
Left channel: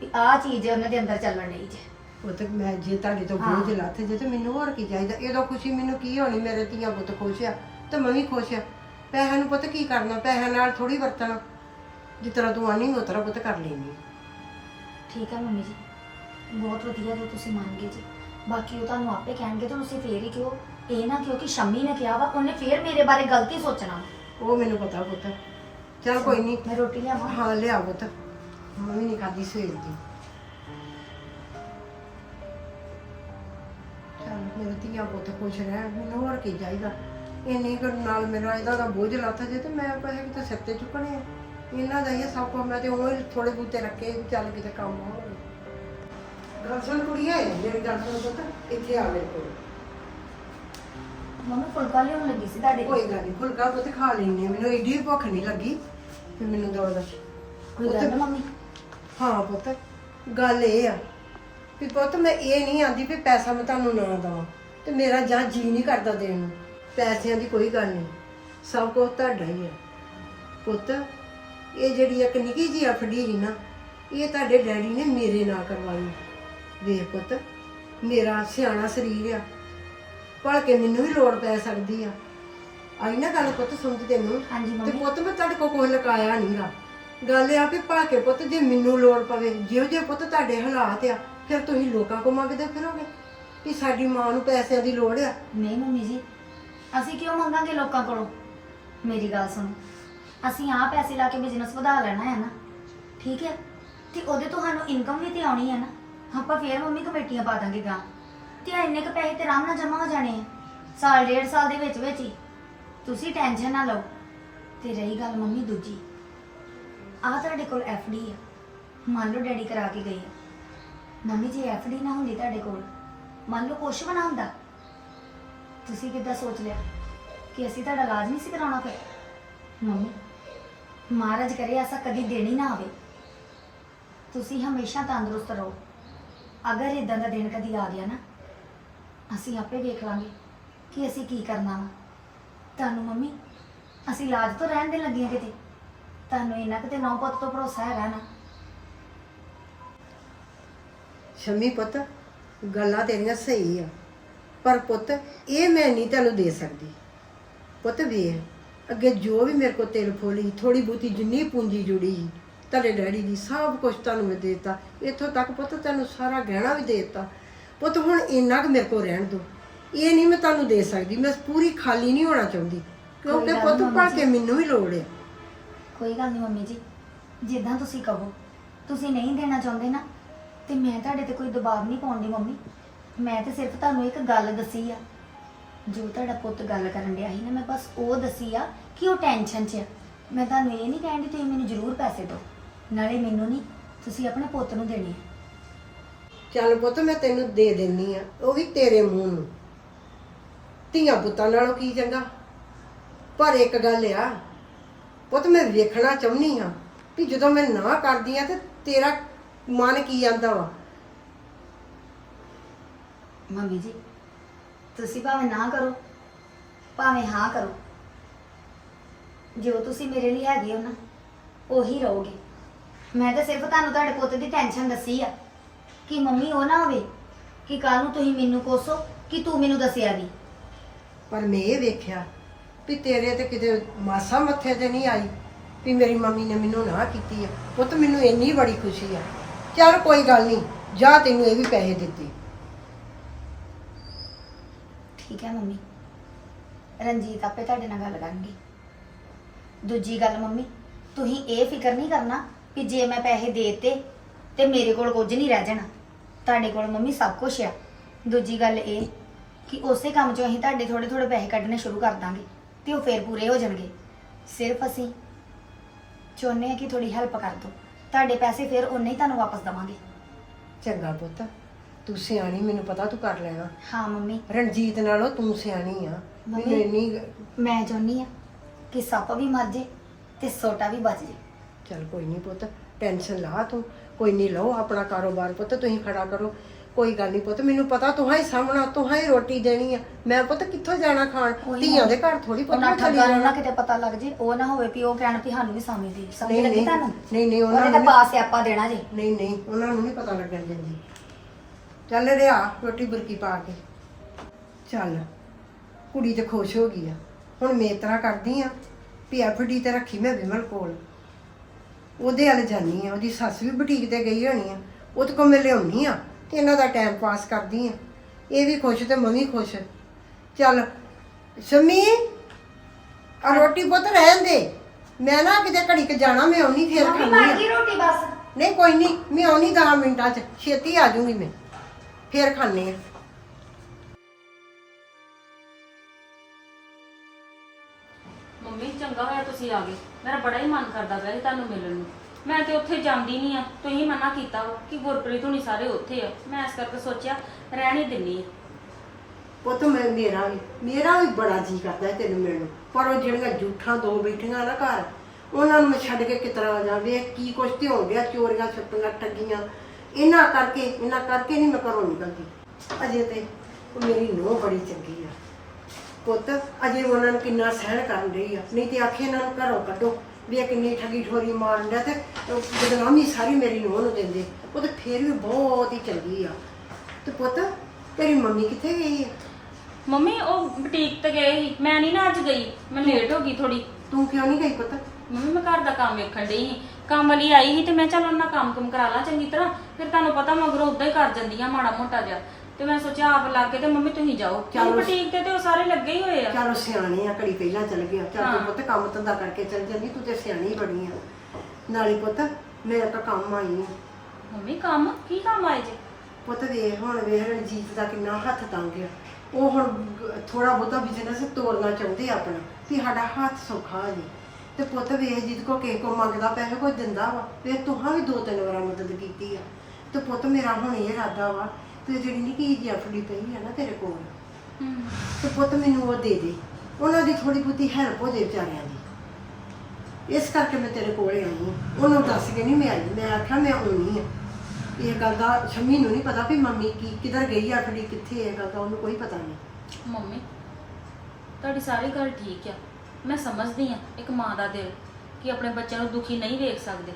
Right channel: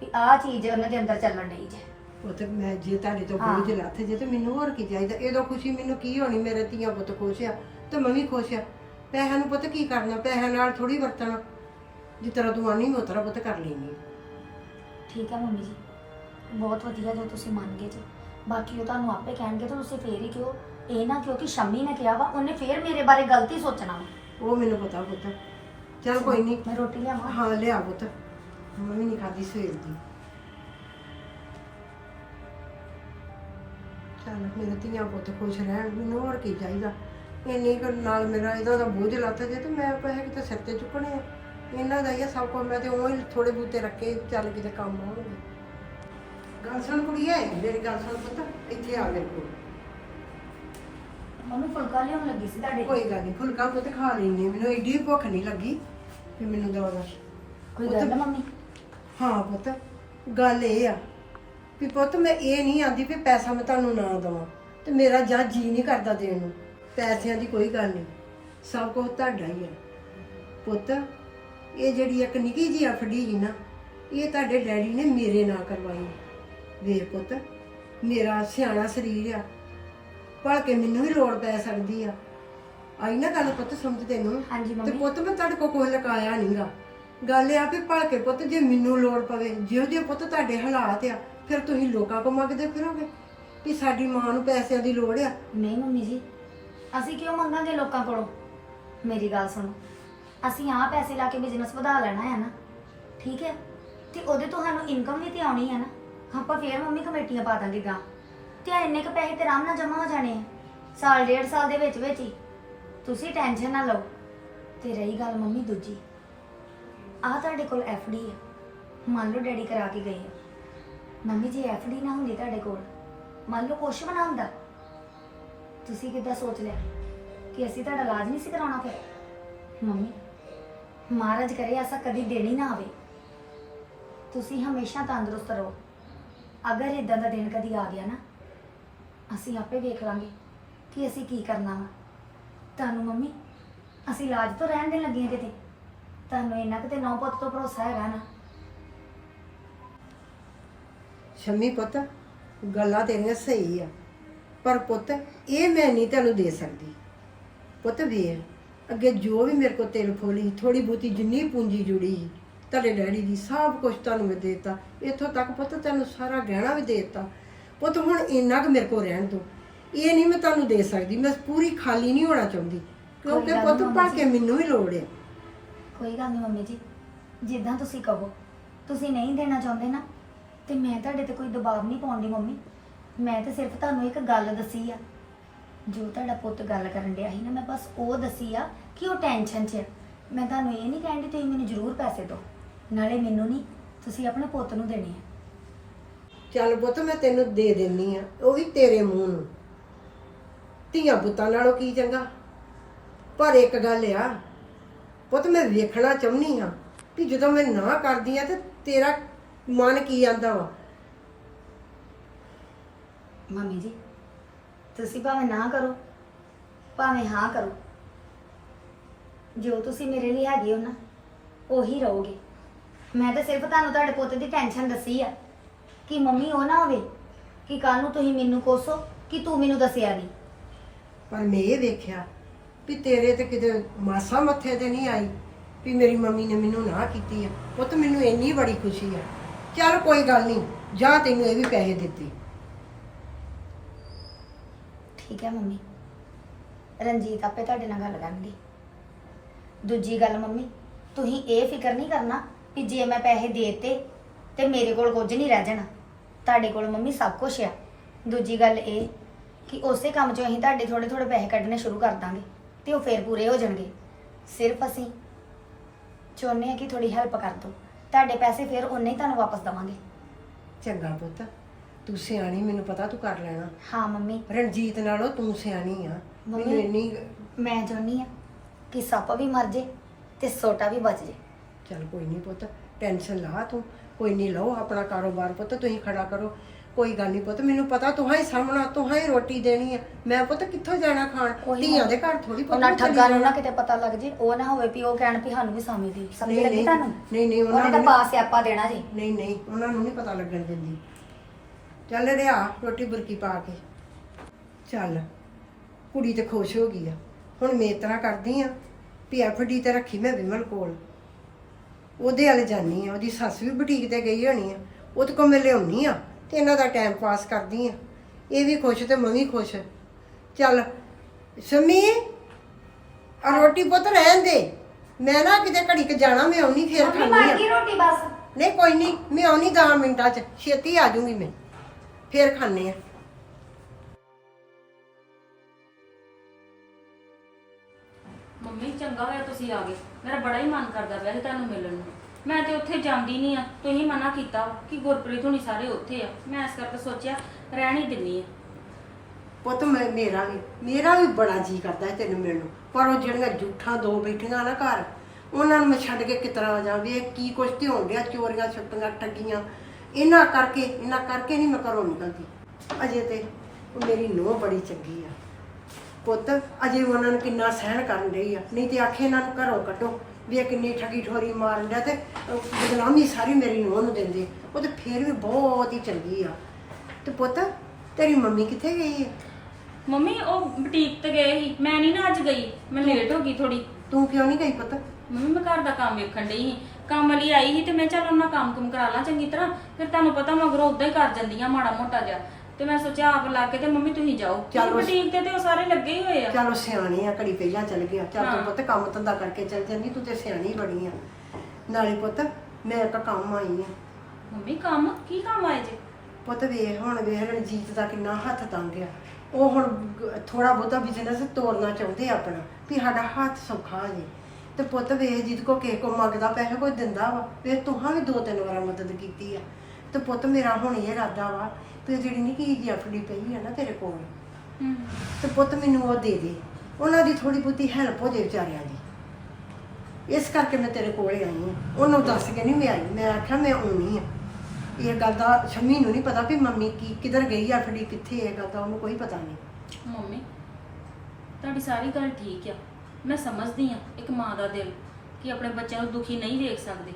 ਵੀ ਆਹ ਚੀਜ਼ ਉਹਨਾਂ ਦੇ ਅੰਦਰ ਚੱਲਣ ਡਈ ਜੇ। ਉਹ ਤੇ ਮੈਂ ਜੇ ਤੁਹਾਡੇ ਤੋਂ ਹਾਂ। ਬੋਝ ਲੱਥ ਜੇ ਤੇ ਮੈਨੂੰ ਹੋਰ ਕੀ ਚਾਹੀਦਾ? ਇਹਦੋਂ ਖੁਸ਼ੀ ਮੈਨੂੰ ਕੀ ਹੋਣੀ? ਮੇਰੇ ਧੀਆਂ ਪੁੱਤ ਖੁਸ਼ ਆ ਤੇ ਮੈਂ ਵੀ ਖੁਸ਼ ਆ। ਪੈਸਿਆਂ ਨੂੰ ਪੁੱਤ ਕੀ ਕਰਨਾ? ਪੈਸਿਆਂ ਨਾਲ ਥੋੜੀ ਵਰਤਣਾ। ਜਿਸ ਤਰ੍ਹਾਂ ਤੂੰ ਆਨੀ ਉਤਰਾ ਪੁੱਤ ਕਰ ਲੈਣੀ ਠੀਕ ਹੈ ਮੰਮੀ ਜੀ। ਬਹੁਤ ਵਧੀਆ ਜੋ ਤੁਸੀਂ ਮੰਨ ਗਏ ਜੀ। ਬਾਕੀ ਉਹ ਤੁਹਾਨੂੰ ਆਪੇ ਕਹਿਣਗੇ ਤਾਂ ਤੁਸੀਂ ਫੇਰ ਹੀ ਕਿਉਂ? ਇਹ ਨਾ ਕਿਉਂਕਿ ਸ਼ੰਮੀ ਨੇ ਕਿਹਾ ਵਾ ਉਹਨੇ ਫੇਰ ਮੇਰੇ ਬਾਰੇ ਗਲਤੀ ਸੋਚਣਾ ਵਾ। ਉਹ ਮੈਨੂੰ ਪਤਾ ਪੁੱਤ। ਚਲ ਕੋਈ ਨਹੀਂ ਮੈਂ ਰੋਟੀ ਲਿਆਵਾਂ। ਹਾਂ ਲਿਆ ਪੁੱਤ। ਮੈਂ ਵੀ ਨਹੀਂ ਖਾਦੀ ਸਵੇਰ ਦੀ। ਚੱਲ ਮੇਰੇ ਧੀਆਂ ਪੁੱਤ ਖੁਸ਼ ਰਹਿਣ ਮੈਨੂੰ ਹੋਰ ਕੀ ਚਾਹੀਦਾ? ਇੰਨੀ ਕੁ ਨਾਲ ਮੇਰਾ ਇਹਦਾ ਦਾ ਬੋਝ ਲੱਥ ਜੇ ਤੇ ਮੈਂ ਪੈਸੇ ਕਿਤੇ ਸਿਰ ਤੇ ਚੁੱਕਣੇ ਆ। ਇਹਨਾਂ ਦਾ ਹੀ ਆ ਸਭ ਕੁਝ ਮੈਂ ਤੇ ਉਹ ਥੋੜੇ ਬੂਤੇ ਰੱਖੇ ਵੀ ਚੱਲ ਕਿਤੇ ਕੰਮ ਆਉਣਗੇ ਗੱਲ ਸੁਣ ਕੁੜੀਏ ਮੇਰੀ ਗੱਲ ਸੁਣ ਪੁੱਤ ਇੱਥੇ ਆ ਮੇਰੇ ਕੋਲ। ਮੰਮੀ ਫੁਲਕਾ ਲਿਆਉਣ ਲੱਗੀ ਸੀ ਤੁਹਾਡੇ ਕੋਈ ਗੱਲ ਨਹੀਂ ਫੁਲਕਾ ਪੁੱਤ ਖਾ ਲੈਣੀ ਮੈਨੂੰ ਏਡੀ ਭੁੱਖ ਨਹੀਂ ਲੱਗੀ ਤੇ ਮੈਨੂੰ ਦੋ ਦਾ। ਕੋਈ ਗੱਲ ਨਾ ਮੰਮੀ। ਹਾਂ ਪੁੱਤ ਗੱਲ ਇਹ ਆ ਵੀ ਪੁੱਤ ਮੈਂ ਇਹ ਨਹੀਂ ਆਂਦੀ ਵੀ ਪੈਸਾ ਮੈਂ ਤੁਹਾਨੂੰ ਨਾ ਦਵਾਂ ਤੇ ਮੇਰਾ ਜਾਂ ਜੀ ਨਹੀਂ ਕਰਦਾ ਦੇਣ ਨੂੰ। ਪੈਸਿਆਂ ਦੀ ਕੋਈ ਗੱਲ ਨਹੀਂ ਸਭ ਕੁਝ ਤੁਹਾਡਾ ਹੀ ਹੈ ਪੁੱਤ ਇਹ ਜਿਹੜੀ ਇੱਕ ਨਿੱਕੀ ਜਿਹੀ ਅਫੜੀ ਸੀ ਨਾ ਇਹ ਤੁਹਾਡੇ ਡੈਡੀ ਨੇ ਮੇਰੇ ਨਾਂ ਕਰਵਾਈ। ਵੇਖ ਪੁੱਤ ਮੇਰਾ ਸਿਆਣਾ ਸਰੀਰ ਆ। ਭਲ ਕੇ ਮੈਨੂੰ ਵੀ ਲੋੜ ਪੈ ਸਕਦੀ ਆ। ਆਈ ਨਾ ਗੱਲ ਪੁੱਤ ਸਮਝ ਤੈਨੂੰ। ਹਾਂਜੀ ਤੇ ਮੰਮੀ। ਪੁੱਤ ਮੈਂ ਤੁਹਾਡੇ ਕੋਲ ਕੁਝ ਲਕਾਇਆ ਨਹੀਂਗਾ ਗੱਲ ਇਹ ਆ ਵੀ ਭਾ ਕੇ ਪੁੱਤ ਜੇ ਮੈਨੂੰ ਲੋੜ ਪਵੇ ਜਿਹੋ ਜਿਹੇ ਪੁੱਤ ਤੁਹਾਡੇ ਹਾਲਾਤ ਆ ਫਿਰ ਤੁਸੀਂ ਲੋਕਾਂ ਕੋਲ ਮੰਗਦੇ ਫਿਰੋਗੇ ਵੀ ਸਾਡੀ ਮਾਂ ਨੂੰ ਪੈਸਿਆਂ ਦੀ ਲੋੜ ਆ? ਨਹੀਂ ਮੰਮੀ ਜੀ ਅਸੀਂ ਕਿਉਂ ਮੰਗਾਂਗੇ ਲੋਕਾਂ ਕੋਲੋਂ? ਮੇਰੀ ਗੱਲ ਸੁਣੋ ਅਸੀਂ ਆਹ ਪੈਸੇ ਲਾ ਕੇ ਬਿਜ਼ਨਸ ਵਧਾ ਲੈਣਾ ਹੈ ਨਾ। ਠੀਕ ਹੈ? ਤੇ ਉਹਦੇ ਤੋਂ ਸਾਨੂੰ ਇਨਕਮ ਵੀ ਤੇ ਆਉਣੀ ਹੈ ਨਾ। ਆਪਾਂ ਫੇਰ ਮੰਮੀ ਕਮੇਟੀਆਂ ਪਾ ਦਾਂਗੇ ਗਾਂ। ਤੇ ਆਹ ਇੰਨੇ ਕ ਪੈਸੇ ਤੇ ਆਰਾਮ ਨਾਲ ਜਮਾ ਹੋ ਜਾਣੇ ਆ। ਸਾਲ, ਡੇਢ ਸਾਲ ਦੇ ਵਿੱਚ ਵਿੱਚ ਹੀ। ਤੁਸੀਂ ਟੈਨਸ਼ਨ ਨਾ ਲਓ। ਤੇ ਰਹੀ ਗੱਲ ਮੰਮੀ ਦੂਜੀ। ਆਹ ਤੁਹਾਡੇ ਕੋਲ ਡੀ ਆ। ਮੰਨ ਲਓ ਡੈਡੀ ਕਰਾ ਕੇ ਗਏ ਆ। ਮੰਮੀ, ਜੀ ਡੀ ਨਾ ਹੁੰਦੀ ਤੁਹਾਡੇ ਕੋਲ, ਮੰਨ ਲਓ ਕੁਛ ਵੀ ਨਾ ਹੁੰਦਾ, ਤੁਸੀਂ ਕਿੱਦਾਂ ਸੋਚ ਲਿਆ ਕਿ ਅਸੀਂ ਤੁਹਾਡਾ ਇਲਾਜ ਨਹੀਂ ਸੀ ਕਰਾਉਣਾ ਫਿਰ? ਮੰਮੀ, ਮਹਾਰਾਜ ਕਰੇ ਐਸਾ ਕਦੀ ਦੇਣੀ ਨਾ ਆਵੇ। ਤੁਸੀਂ ਹਮੇਸ਼ਾ ਤੰਦਰੁਸਤ ਰਹੋ। ਅਗਰ ਇਦਾਂ ਦਾ ਦਿਨ ਕਦੀ ਆ ਗਿਆ ਨਾ, ਅਸੀਂ ਆਪੇ ਵੇਖ ਲਾਂਗੇ ਕਿ ਅਸੀਂ ਕੀ ਕਰਨਾ ਵਾ। ਤੁਹਾਨੂੰ ਮੰਮੀ, ਅਸੀਂ ਇਲਾਜ ਤੋਂ ਰਹਿਣ ਦੇ ਲੱਗੀਆਂ ਕਿਤੇ? ਤੁਹਾਨੂੰ ਇੰਨਾ ਕਿਤੇ ਨੌ ਪੁੱਤ ਤੋਂ ਭਰੋਸਾ ਹੈਗਾ ਨਾ? ਸ਼ਮੀ ਪੁੱਤ, ਗੱਲਾਂ ਤੇਰੀਆਂ ਸਹੀ ਆ, ਪਰ ਪੁੱਤ, ਇਹ ਮੈਂ ਨਹੀਂ ਤੈਨੂੰ ਦੇ ਸਕਦੀ। ਪੁੱਤ ਵੇਖ, ਅੱਗੇ ਜੋ ਵੀ ਮੇਰੇ ਕੋਲ ਤੇਲ ਫੋਲੀ ਥੋੜੀ ਬਹੁਤੀ ਜਿੰਨੀ ਪੂੰਜੀ ਜੁੜੀ ਤੁਹਾਡੇ ਡੈਡੀ ਦੀ ਸਭ ਕੁਝ ਤੁਹਾਨੂੰ ਮੈਂ ਦੇ ਦਿੱਤਾ। ਇੱਥੋਂ ਤੱਕ ਪੁੱਤ ਤੈਨੂੰ ਸਾਰਾ ਗਹਿਣਾ ਵੀ ਦੇ ਦਿੱਤਾ। ਪੁੱਤ ਹੁਣ ਇੰਨਾ ਕੁ ਮੇਰੇ ਕੋਲ ਰਹਿਣ ਦੋ। ਇਹ ਨਹੀਂ ਮੈਂ ਤੁਹਾਨੂੰ ਦੇ ਸਕਦੀ। ਮੈਂ ਪੂਰੀ ਖਾਲੀ ਨਹੀਂ ਹੋਣਾ ਚਾਹੁੰਦੀ। ਕਿਉਂਕਿ ਗੱਲ ਪੁੱਤ ਨੀ ਪਾ ਮੰਮੀ ਕੇ ਮੈਨੂੰ ਵੀ ਲੋੜ ਹੈ। ਕੋਈ ਗੱਲ ਨਹੀਂ ਮੰਮੀ ਜੀ। ਜਿੱਦਾਂ ਤੁਸੀਂ ਕਹੋ। ਤੁਸੀਂ ਨਹੀਂ ਦੇਣਾ ਚਾਹੁੰਦੇ ਨਾ ਤੇ ਮੈਂ ਤੁਹਾਡੇ ਤੇ ਕੋਈ ਦਬਾਅ ਨਹੀਂ ਪਾਉਂਦੀ ਮੰਮੀ। ਮੈਂ ਤੇ ਸਿਰਫ ਤੁਹਾਨੂੰ ਇੱਕ ਗੱਲ ਦੱਸੀ ਆ। ਜੋ ਤੁਹਾਡਾ ਪੁੱਤ ਗੱਲ ਕਰਨ ਡਿਆ ਸੀ ਨਾ ਮੈਂ ਬਸ ਉਹ ਦੱਸੀ ਆ ਕਿ ਉਹ ਟੈਨਸ਼ਨ 'ਚ ਆ। ਮੈਂ ਤੁਹਾਨੂੰ ਇਹ ਨਹੀਂ ਕਹਿੰਦੀ ਤੁਸੀਂ ਮੈਨੂੰ ਜ਼ਰੂਰ ਪੈਸੇ ਦਿਓ। ਨਾਲੇ ਮੈਨੂੰ ਨਹੀਂ ਤੁਸੀਂ ਆਪਣੇ ਪੁੱਤ ਨੂੰ ਦੇਣੇ ਚੱਲ ਪੁੱਤ ਮੈਂ ਤੈਨੂੰ ਦੇ ਦਿੰਨੀ ਆ ਉਹ ਵੀ ਤੇਰੇ ਮੂੰਹ ਨੂੰ। ਧੀਆਂ ਪੁੱਤਾਂ ਨਾਲੋਂ ਕੀ ਚੰਗਾ? ਪਰ ਇੱਕ ਗੱਲ ਆ ਪੁੱਤ ਮੈਂ ਵੇਖਣਾ ਚਾਹੁੰਨੀ ਆ ਕਿ ਜਦੋਂ ਮੈਂ ਨਾ ਕਰਦੀ ਆ ਤੇ ਤੇਰਾ ਮਨ ਕੀ ਆਂਦਾ ਵਾ? ਮੰਮੀ ਜੀ ਤੁਸੀਂ ਭਾਵੇਂ ਨਾ ਕਰੋ ਭਾਵੇਂ ਹਾਂ ਕਰੋ। ਜੋ ਤੁਸੀਂ ਮੇਰੇ ਲਈ ਹੈਗੇ ਹੋ ਨਾ ਉਹੀ ਰਹੋਗੇ। ਮੈਂ ਤਾਂ ਸਿਰਫ ਤੁਹਾਨੂੰ ਤੁਹਾਡੇ ਪੁੱਤ ਦੀ ਟੈਨਸ਼ਨ ਦੱਸੀ ਆ। ਕਿ ਮੰਮੀ ਉਹ ਨਾ ਹੋਵੇ ਕਿ ਕੱਲ ਨੂੰ ਤੁਸੀਂ ਮੈਨੂੰ ਕੋਸੋ ਕਿ ਤੂੰ ਮੈਨੂੰ ਦੱਸਿਆ ਨਹੀਂ ਪਰ ਮੈਂ ਇਹ ਵੇਖਿਆ ਵੀ ਤੇਰੇ ਤੇ ਕਿਤੇ ਮਾਸਾ ਮੱਥੇ ਤੇ ਨਹੀਂ ਆਈ ਵੀ ਮੇਰੀ ਮੰਮੀ ਨੇ ਮੈਨੂੰ ਨਾ ਕੀਤੀ ਆ। ਪੁੱਤ ਮੈਨੂੰ ਇੰਨੀ ਬੜੀ ਖੁਸ਼ੀ ਆ। ਚੱਲ ਕੋਈ ਗੱਲ ਨਹੀਂ ਜਾ ਤੈਨੂੰ ਇਹ ਵੀ ਪੈਸੇ ਦਿੱਤੀ। ਠੀਕ ਹੈ ਮੰਮੀ। ਰਣਜੀਤ ਆਪੇ ਤੁਹਾਡੇ ਨਾਲ ਗੱਲ ਕਰਨਗੇ। ਦੂਜੀ ਗੱਲ ਮੰਮੀ ਤੁਸੀਂ ਇਹ ਫਿਕਰ ਨਹੀਂ ਕਰਨਾ ਕਿ ਜੇ ਮੈਂ ਪੈਸੇ ਦੇਤੇ ਤੇ ਮੇਰੇ ਕੋਲ ਕੁਝ ਨਹੀਂ ਰਹਿ ਜਾਣਾ। ਤੁਹਾਡੇ ਕੋਲ ਮੰਮੀ ਸਭ ਕੁਝ ਆ। ਦੂਜੀ ਗੱਲ ਇਹ ਕਿ ਉਸੇ ਕੰਮ 'ਚੋਂ ਅਸੀਂ ਤੁਹਾਡੇ ਥੋੜੇ ਥੋੜੇ ਪੈਸੇ ਕੱਢਣੇ ਸ਼ੁਰੂ ਕਰ ਦਾਂਗੇ ਤੇ ਉਹ ਫੇਰ ਪੂਰੇ ਹੋ ਜਾਣਗੇ। ਸਿਰਫ ਅਸੀਂ ਚਾਹੁੰਦੇ ਆ ਕਿ ਥੋੜੀ ਹੈਲਪ ਕਰ ਦਿਓ। ਤੁਹਾਡੇ ਪੈਸੇ ਫੇਰ ਉਨੇ ਹੀ ਤੁਹਾਨੂੰ ਵਾਪਸ ਦਵਾਂਗੇ। ਚੰਗਾ ਪੁੱਤ ਤੂੰ ਸਿਆਣੀ ਮੈਨੂੰ ਪਤਾ ਤੂੰ ਕਰ ਲੈਣਾ। ਹਾਂ ਮੰਮੀ। ਰਣਜੀਤ ਨਾਲੋਂ ਤੂੰ ਸਿਆਣੀ ਆ। ਮੰਮੀ। ਮੈਨੂੰ ਇੰਨੀ ਮੈਂ ਚਾਹੁੰਦੀ ਆ ਕਿ ਸੱਪ ਵੀ ਮਰ ਜੇ ਤੇ ਸੋਟਾ ਵੀ ਬਚ ਜੇ। ਚੱਲ ਕੋਈ ਨਹੀਂ ਪੁੱਤ ਟੈਨਸ਼ਨ ਲਾ ਤੂੰ ਕੋਈ ਨਹੀਂ ਲਓ ਆਪਣਾ ਕਾਰੋਬਾਰ ਪੁੱਤ ਤੁਸੀਂ ਖੜਾ ਕਰੋ। ਕੋਈ ਗੱਲ ਨਹੀਂ ਪੁੱਤ ਮੈਨੂੰ ਪਤਾ ਤੁਹਾਂ ਹੀ ਸਾਹਮਣਾ ਤੁਹਾਂ ਹੀ ਰੋਟੀ ਦੇਣੀ ਆ। ਮੈਂ ਪੁੱਤ ਕਿੱਥੋਂ ਜਾਣਾ ਖਾਣ? ਧੀਆਂ ਦੇ ਘਰ ਥੋੜੀ ਉਹਨਾਂ ਠੱਗਾਂ ਨੂੰ ਨਾ ਕਿਤੇ ਪਤਾ ਲੱਗ ਜੇ ਉਹ ਨਾ ਹੋਵੇ ਵੀ ਉਹ ਕਹਿਣ ਵੀ ਸਾਨੂੰ ਵੀ ਸਮਝਦੀ ਸਮਝ ਨਹੀਂ, ਲੱਗੀ ਨਹੀਂ, ਤੁਹਾਨੂੰ? ਨਹੀਂ, ਨਹੀਂ, ਉਹਨਾਂ ਉਹਨੇ ਤਾਂ ਨੂੰ ਪਾਸ ਸਿਆਪਾ ਦੇਣਾ ਜੀ। ਨਹੀਂ ਨਹੀਂ ਉਹਨਾਂ ਨੂੰ ਨਹੀਂ ਪਤਾ ਲੱਗਣ ਦਿੰਦੀ। ਚੱਲ ਰਿਆ ਰੋਟੀ ਬੁਰਕੀ ਪਾ ਕੇ। ਚੱਲ ਕੁੜੀ ਤੇ ਖੁਸ਼ ਹੋ ਗਈ ਆ। ਹੁਣ ਮੈਂ ਇਸ ਤਰ੍ਹਾਂ ਕਰਦੀ ਆ ਵੀ ਐਫਡੀ ਤੇ ਰੱਖੀ ਮੈਂ ਵਿਮਲ ਕੋਲ। ਉਹਦੇ ਵੱਲ ਜਾਨੀ ਆ ਉਹਦੀ ਸੱਸ ਵੀ ਬੁਟੀਕ ਤੇ ਗਈ ਹੋਣੀ ਆ ਉਹਦੇ ਕੋਲ ਮੈਂ ਲਿਆਉਣੀ ਆ ਤੇ ਇਹਨਾਂ ਦਾ ਟਾਈਮ ਪਾਸ ਕਰਦੀ ਆ। ਇਹ ਵੀ ਖੁਸ਼ ਤੇ ਮੈਂ ਵੀ ਖੁਸ਼। ਚੱਲ ਸ਼ਮੀ ਆ ਰੋਟੀ ਪੁੱਤ ਰਹਿਣ ਦੇ। ਮੈਂ ਨਾ ਕਿਤੇ ਘੜੀ ਕ ਜਾਣਾ ਮੈਂ ਆਉਣੀ ਫੇਰ ਖਾਣੀ ਆ। ਰੋਟੀ ਬਸ। ਨਹੀਂ ਕੋਈ ਨਹੀਂ ਮੈਂ ਆਉਣੀ 10 ਮਿੰਟਾਂ ਚ ਛੇਤੀ ਆ ਜਾਊਂਗੀ ਮੈਂ। ਫੇਰ ਖਾਣੇ ਆ। ਤੁਸੀਂ ਆ ਗਏ ਮੇਰਾ ਬੜਾ ਹੀ ਮਨ ਕਰਦਾ ਪਿਆ ਸੀ ਤੁਹਾਨੂੰ ਮਿਲਣ ਨੂੰ। ਮੈਂ ਤੇ ਉੱਥੇ ਜਾਂਦੀ ਨਹੀਂ ਆ। ਤੁਸੀਂ ਮਨਾ ਕੀਤਾ ਵਾ ਕਿ ਗੁਰਪ੍ਰੀਤ ਹੁਣੀ ਸਾਰੇ ਉੱਥੇ ਆ। ਮੈਂ ਇਸ ਕਰਕੇ ਸੋਚਿਆ ਰਹਿਣ ਹੀ ਦਿੰਨੀ ਆ। ਪੁੱਤ ਮੈਂ, ਮੇਰਾ ਵੀ ਮੇਰਾ ਵੀ ਬੜਾ ਜੀ ਕਰਦਾ ਹੈ ਤੈਨੂੰ ਮਿਲਣ ਨੂੰ। ਪਰ ਉਹ ਜਿਹੜੀਆਂ ਜੂਠਾਂ ਦੋ ਬੈਠੀਆਂ ਨਾ ਘਰ, ਉਹਨਾਂ ਨੂੰ ਮੈਂ ਛੱਡ ਕੇ ਕਿਤਰਾ ਜਾ ਕੀ ਕੁਛ ਤੇ ਹੋਣ ਡਿਆ, ਚੋਰੀਆਂ ਛੁੱਟੀਆਂ ਠੱਗੀਆਂ। ਇਹਨਾਂ ਕਰਕੇ ਇਹਨਾਂ ਕਰਕੇ ਨਹੀਂ ਮੈਂ ਘਰੋਂ ਨਿਕਲਦੀ। ਅਜੇ ਤੇ ਉਹ ਮੇਰੀ ਨੂੰਹ ਬੜੀ ਚੰਗੀ ਆ। ਪੁੱਤ ਅਜੇ ਉਹਨਾਂ ਨੂੰ ਕਿੰਨਾ ਸਹਿਣ ਕਰਨ ਰਹੀ ਆ। ਨਹੀਂ ਤੇ ਆਖੇ ਇਹਨਾਂ ਨੂੰ ਘਰੋਂ ਕੱਢੋ ਵੀ ਇਹ ਕਿੰਨੀ ਠੱਗੀ ਠੋਰੀ ਮਾਰਨ ਡਿਆ ਤੇ ਬਦਨਾਮੀ ਸਾਰੀ ਮੇਰੀ ਨੂੰਹ ਨੂੰ ਦਿੰਦੇ। ਉਹ ਤੇ ਫੇਰ ਵੀ ਬਹੁਤ ਹੀ ਚੰਗੀ ਆ। ਤੇ ਪੁੱਤ ਤੇਰੀ ਮੰਮੀ ਕਿੱਥੇ ਗਈ ਆ? ਮੰਮੀ ਉਹ ਬੁਟੀਕ ਤੇ ਗਏ ਸੀ। ਮੈਂ ਨਹੀਂ ਨਾ ਅੱਜ ਗਈ। ਮੈਂ ਲੇਟ ਹੋ ਗਈ ਥੋੜੀ ਤੂੰ ਕਿਉਂ ਨਹੀਂ ਗਈ ਪੁੱਤ? ਮੰਮੀ ਮੈਂ ਘਰ ਦਾ ਕੰਮ ਵੇਖਣ ਡਈ ਸੀ। ਕੰਮ ਲਈ ਆਈ ਸੀ ਤੇ ਮੈਂ ਚੱਲ ਉਹਨਾਂ ਕੰਮ ਕੁਮ ਕਰਾ ਲਾਂ ਚੰਗੀ ਤਰ੍ਹਾਂ। ਫਿਰ ਤੁਹਾਨੂੰ ਪਤਾ ਮਗਰੋਂ ਉਦਾਂ ਹੀ ਕਰ ਜਾਂਦੀਆਂ ਮਾੜਾ ਮੋਟਾ ਜਿਹਾ। ਤੇ ਮੈਂ ਸੋਚਿਆ ਆਪ ਲਾ ਕੇ ਤੇ ਮੰਮੀ ਤੁਸੀਂ ਜਾਓ। ਚਲੋ। ਚਲੋ ਬੁਟੀਕ ਤੇ ਤੇ ਉਹ ਸਾਰੇ ਲੱਗੇ ਹੀ ਹੋਏ ਆ। ਚਲੋ ਸਿਆਣੀ ਆ ਘੜੀ ਪਹਿਲਾਂ ਚੱਲ ਗਿਆ ਚੱਲ ਤੂੰ ਹਾਂ। ਪੁੱਤ ਕੰਮ ਧੰਦਾ ਕਰਕੇ ਚੱਲ ਜਾਂਦੀ ਤੂੰ ਤੇ ਸਿਆਣੀ ਬੜੀ ਆ। ਨਾਲੇ ਪੁੱਤ ਮੈਂ ਤਾਂ ਕੰਮ ਆਈ ਆ। ਮੰਮੀ ਕੰਮ? ਕੀ ਕੰਮ ਆਏ ਜੇ? ਪੁੱਤ ਵੇਖ ਹੁਣ ਵੇਖ ਰਣਜੀਤ ਦਾ ਕਿੰਨਾ ਹੱਥ ਤੰਗ ਆ। ਉਹ ਹੁਣ ਥੋੜਾ ਬਹੁਤਾ ਬਿਜ਼ਨਸ ਤੋਰਨਾ ਚਾਹੁੰਦੇ ਆ ਆਪਣਾ ਵੀ ਸਾਡਾ ਹੱਥ ਸੌਖਾ ਹੋ ਜੇ। ਤੇ ਪੁੱਤ ਵੇਖ ਜਿੱਦ ਕੋ ਕਿਸੇ ਕੋ ਮੰਗਦਾ ਪੈਸੇ ਕੋਈ ਦਿੰਦਾ ਵਾ। ਵੇਖ ਤੁਹਾਂ ਵੀ ਦੋ ਤਿੰਨ ਵਾਰਾਂ ਮਦਦ ਕੀਤੀ ਆ। ਤੇ ਪੁੱਤ ਮੇਰਾ ਹੁਣ ਇਹ ਇਰਾਦਾ ਵਾ ਤੇ ਜਿਹੜੀ ਨਿੱਕੀ ਜਿਹੀ ਐਫਡੀ ਪਈ ਆ ਨਾ ਤੇਰੇ ਕੋਲ ਹੂੰ। ਤੇ ਪੁੱਤ ਮੈਨੂੰ ਉਹ ਦੇ ਦੇ ਉਹਨਾਂ ਦੀ ਥੋੜੀ ਬਹੁਤੀ ਹੈਲਪ ਹੋ ਜੇ ਵਿਚਾਰਿਆਂ ਦੀ। ਇਸ ਕਰਕੇ ਮੈਂ ਤੇਰੇ ਕੋਲ ਆਈ ਹਾਂ ਉਹਨੂੰ ਦੱਸ ਕੇ ਨਹੀਂ ਮੈਂ ਆਈ ਮੈਂ ਆਖਿਆ ਮੈਂ ਆਉਣੀ ਆ। ਇਹ ਗੱਲ ਦਾ ਸ਼ਮੀ ਨੂੰ ਨਹੀਂ ਪਤਾ ਵੀ ਮੰਮੀ ਕੀ ਕਿਧਰ ਗਈ ਆ ਫੜੀ ਕਿੱਥੇ ਹੈ ਇਹ ਗੱਲ ਦਾ ਉਹਨੂੰ ਕੋਈ ਪਤਾ ਨਹੀਂ ਮੰਮੀ ਤੁਹਾਡੀ ਸਾਰੀ ਗੱਲ ਠੀਕ ਆ। ਮੈਂ ਸਮਝਦੀ ਆ ਇੱਕ ਮਾਂ ਦਾ ਦਿਲ ਕਿ ਆਪਣੇ ਬੱਚਿਆਂ ਨੂੰ ਦੁਖੀ ਨਹੀਂ ਵੇਖ ਸਕਦੇ।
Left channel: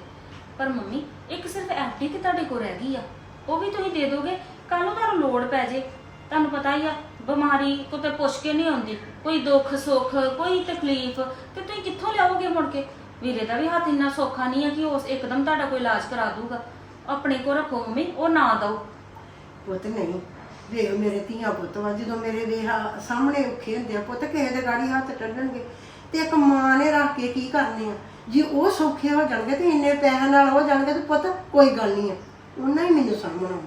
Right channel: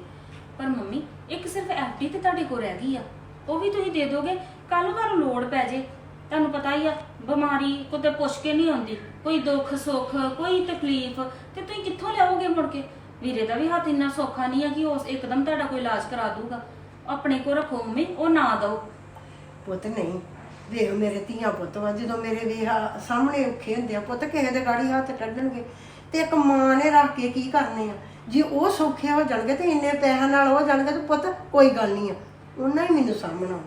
ਪਰ ਮੰਮੀ ਇੱਕ ਸਿਰਫ ਐਫਡੀ ਤੇ ਤੁਹਾਡੇ ਕੋਲ ਰਹਿ ਗਈ ਆ। ਉਹ ਵੀ ਤੁਸੀਂ ਦੇ ਦੋਗੇ। ਕੱਲ ਨੂੰ ਤੁਹਾਨੂੰ ਲੋੜ ਪੈ ਜੇ। ਤੁਹਾਨੂੰ ਪਤਾ ਹੀ ਆ, ਬਿਮਾਰੀ ਕੋਤੇ ਪੁੱਛ ਕੇ ਨਹੀਂ ਆਉਂਦੀ। ਕੋਈ ਦੁੱਖ, ਸੁੱਖ, ਕੋਈ ਤਕਲੀਫ, ਤੇ ਤੁਸੀਂ ਕਿੱਥੋਂ ਲਿਆਓਗੇ ਮੁੜ ਕੇ? ਵੀਰੇ ਦਾ ਵੀ ਹੱਥ ਇੰਨਾ ਸੌਖਾ ਨਹੀਂ ਆ ਕਿ ਉਸ ਇੱਕਦਮ ਤੁਹਾਡਾ ਕੋਈ ਇਲਾਜ ਕਰਾ ਦੂਗਾ ਆਪਣੇ ਕੋਲ ਰੱਖੋ ਮੰਮੀ, ਉਹ ਨਾ ਦਓ। ਪੁੱਤ ਨਹੀਂ, ਵੇਖ ਮੇਰੇ ਧੀਆਂ ਪੁੱਤ ਵਾ ਜਦੋਂ ਮੇਰੇ ਵੇਖ ਸਾਹਮਣੇ ਔਖੇ ਹੁੰਦੇ ਆ, ਪੁੱਤ ਕਿਸੇ ਦੇ ਗਾੜੀ ਹੱਥ ਟੱਡਣਗੇ ਤੇ ਇੱਕ ਮਾਂ ਨੇ ਰੱਖ ਕੇ ਕੀ ਕਰਨੇ ਆ? ਜੇ ਉਹ ਸੌਖੇ ਹੋ ਜਾਣਗੇ ਤੇ ਇੰਨੇ ਪੈਸਿਆਂ ਨਾਲ ਹੋ ਜਾਣਗੇ ਤੇ ਪੁੱਤ ਕੋਈ ਗੱਲ ਨਹੀਂ ਆ। ਉਹਨਾਂ ਹੀ ਮੈਨੂੰ ਸਾਹਮਣਾ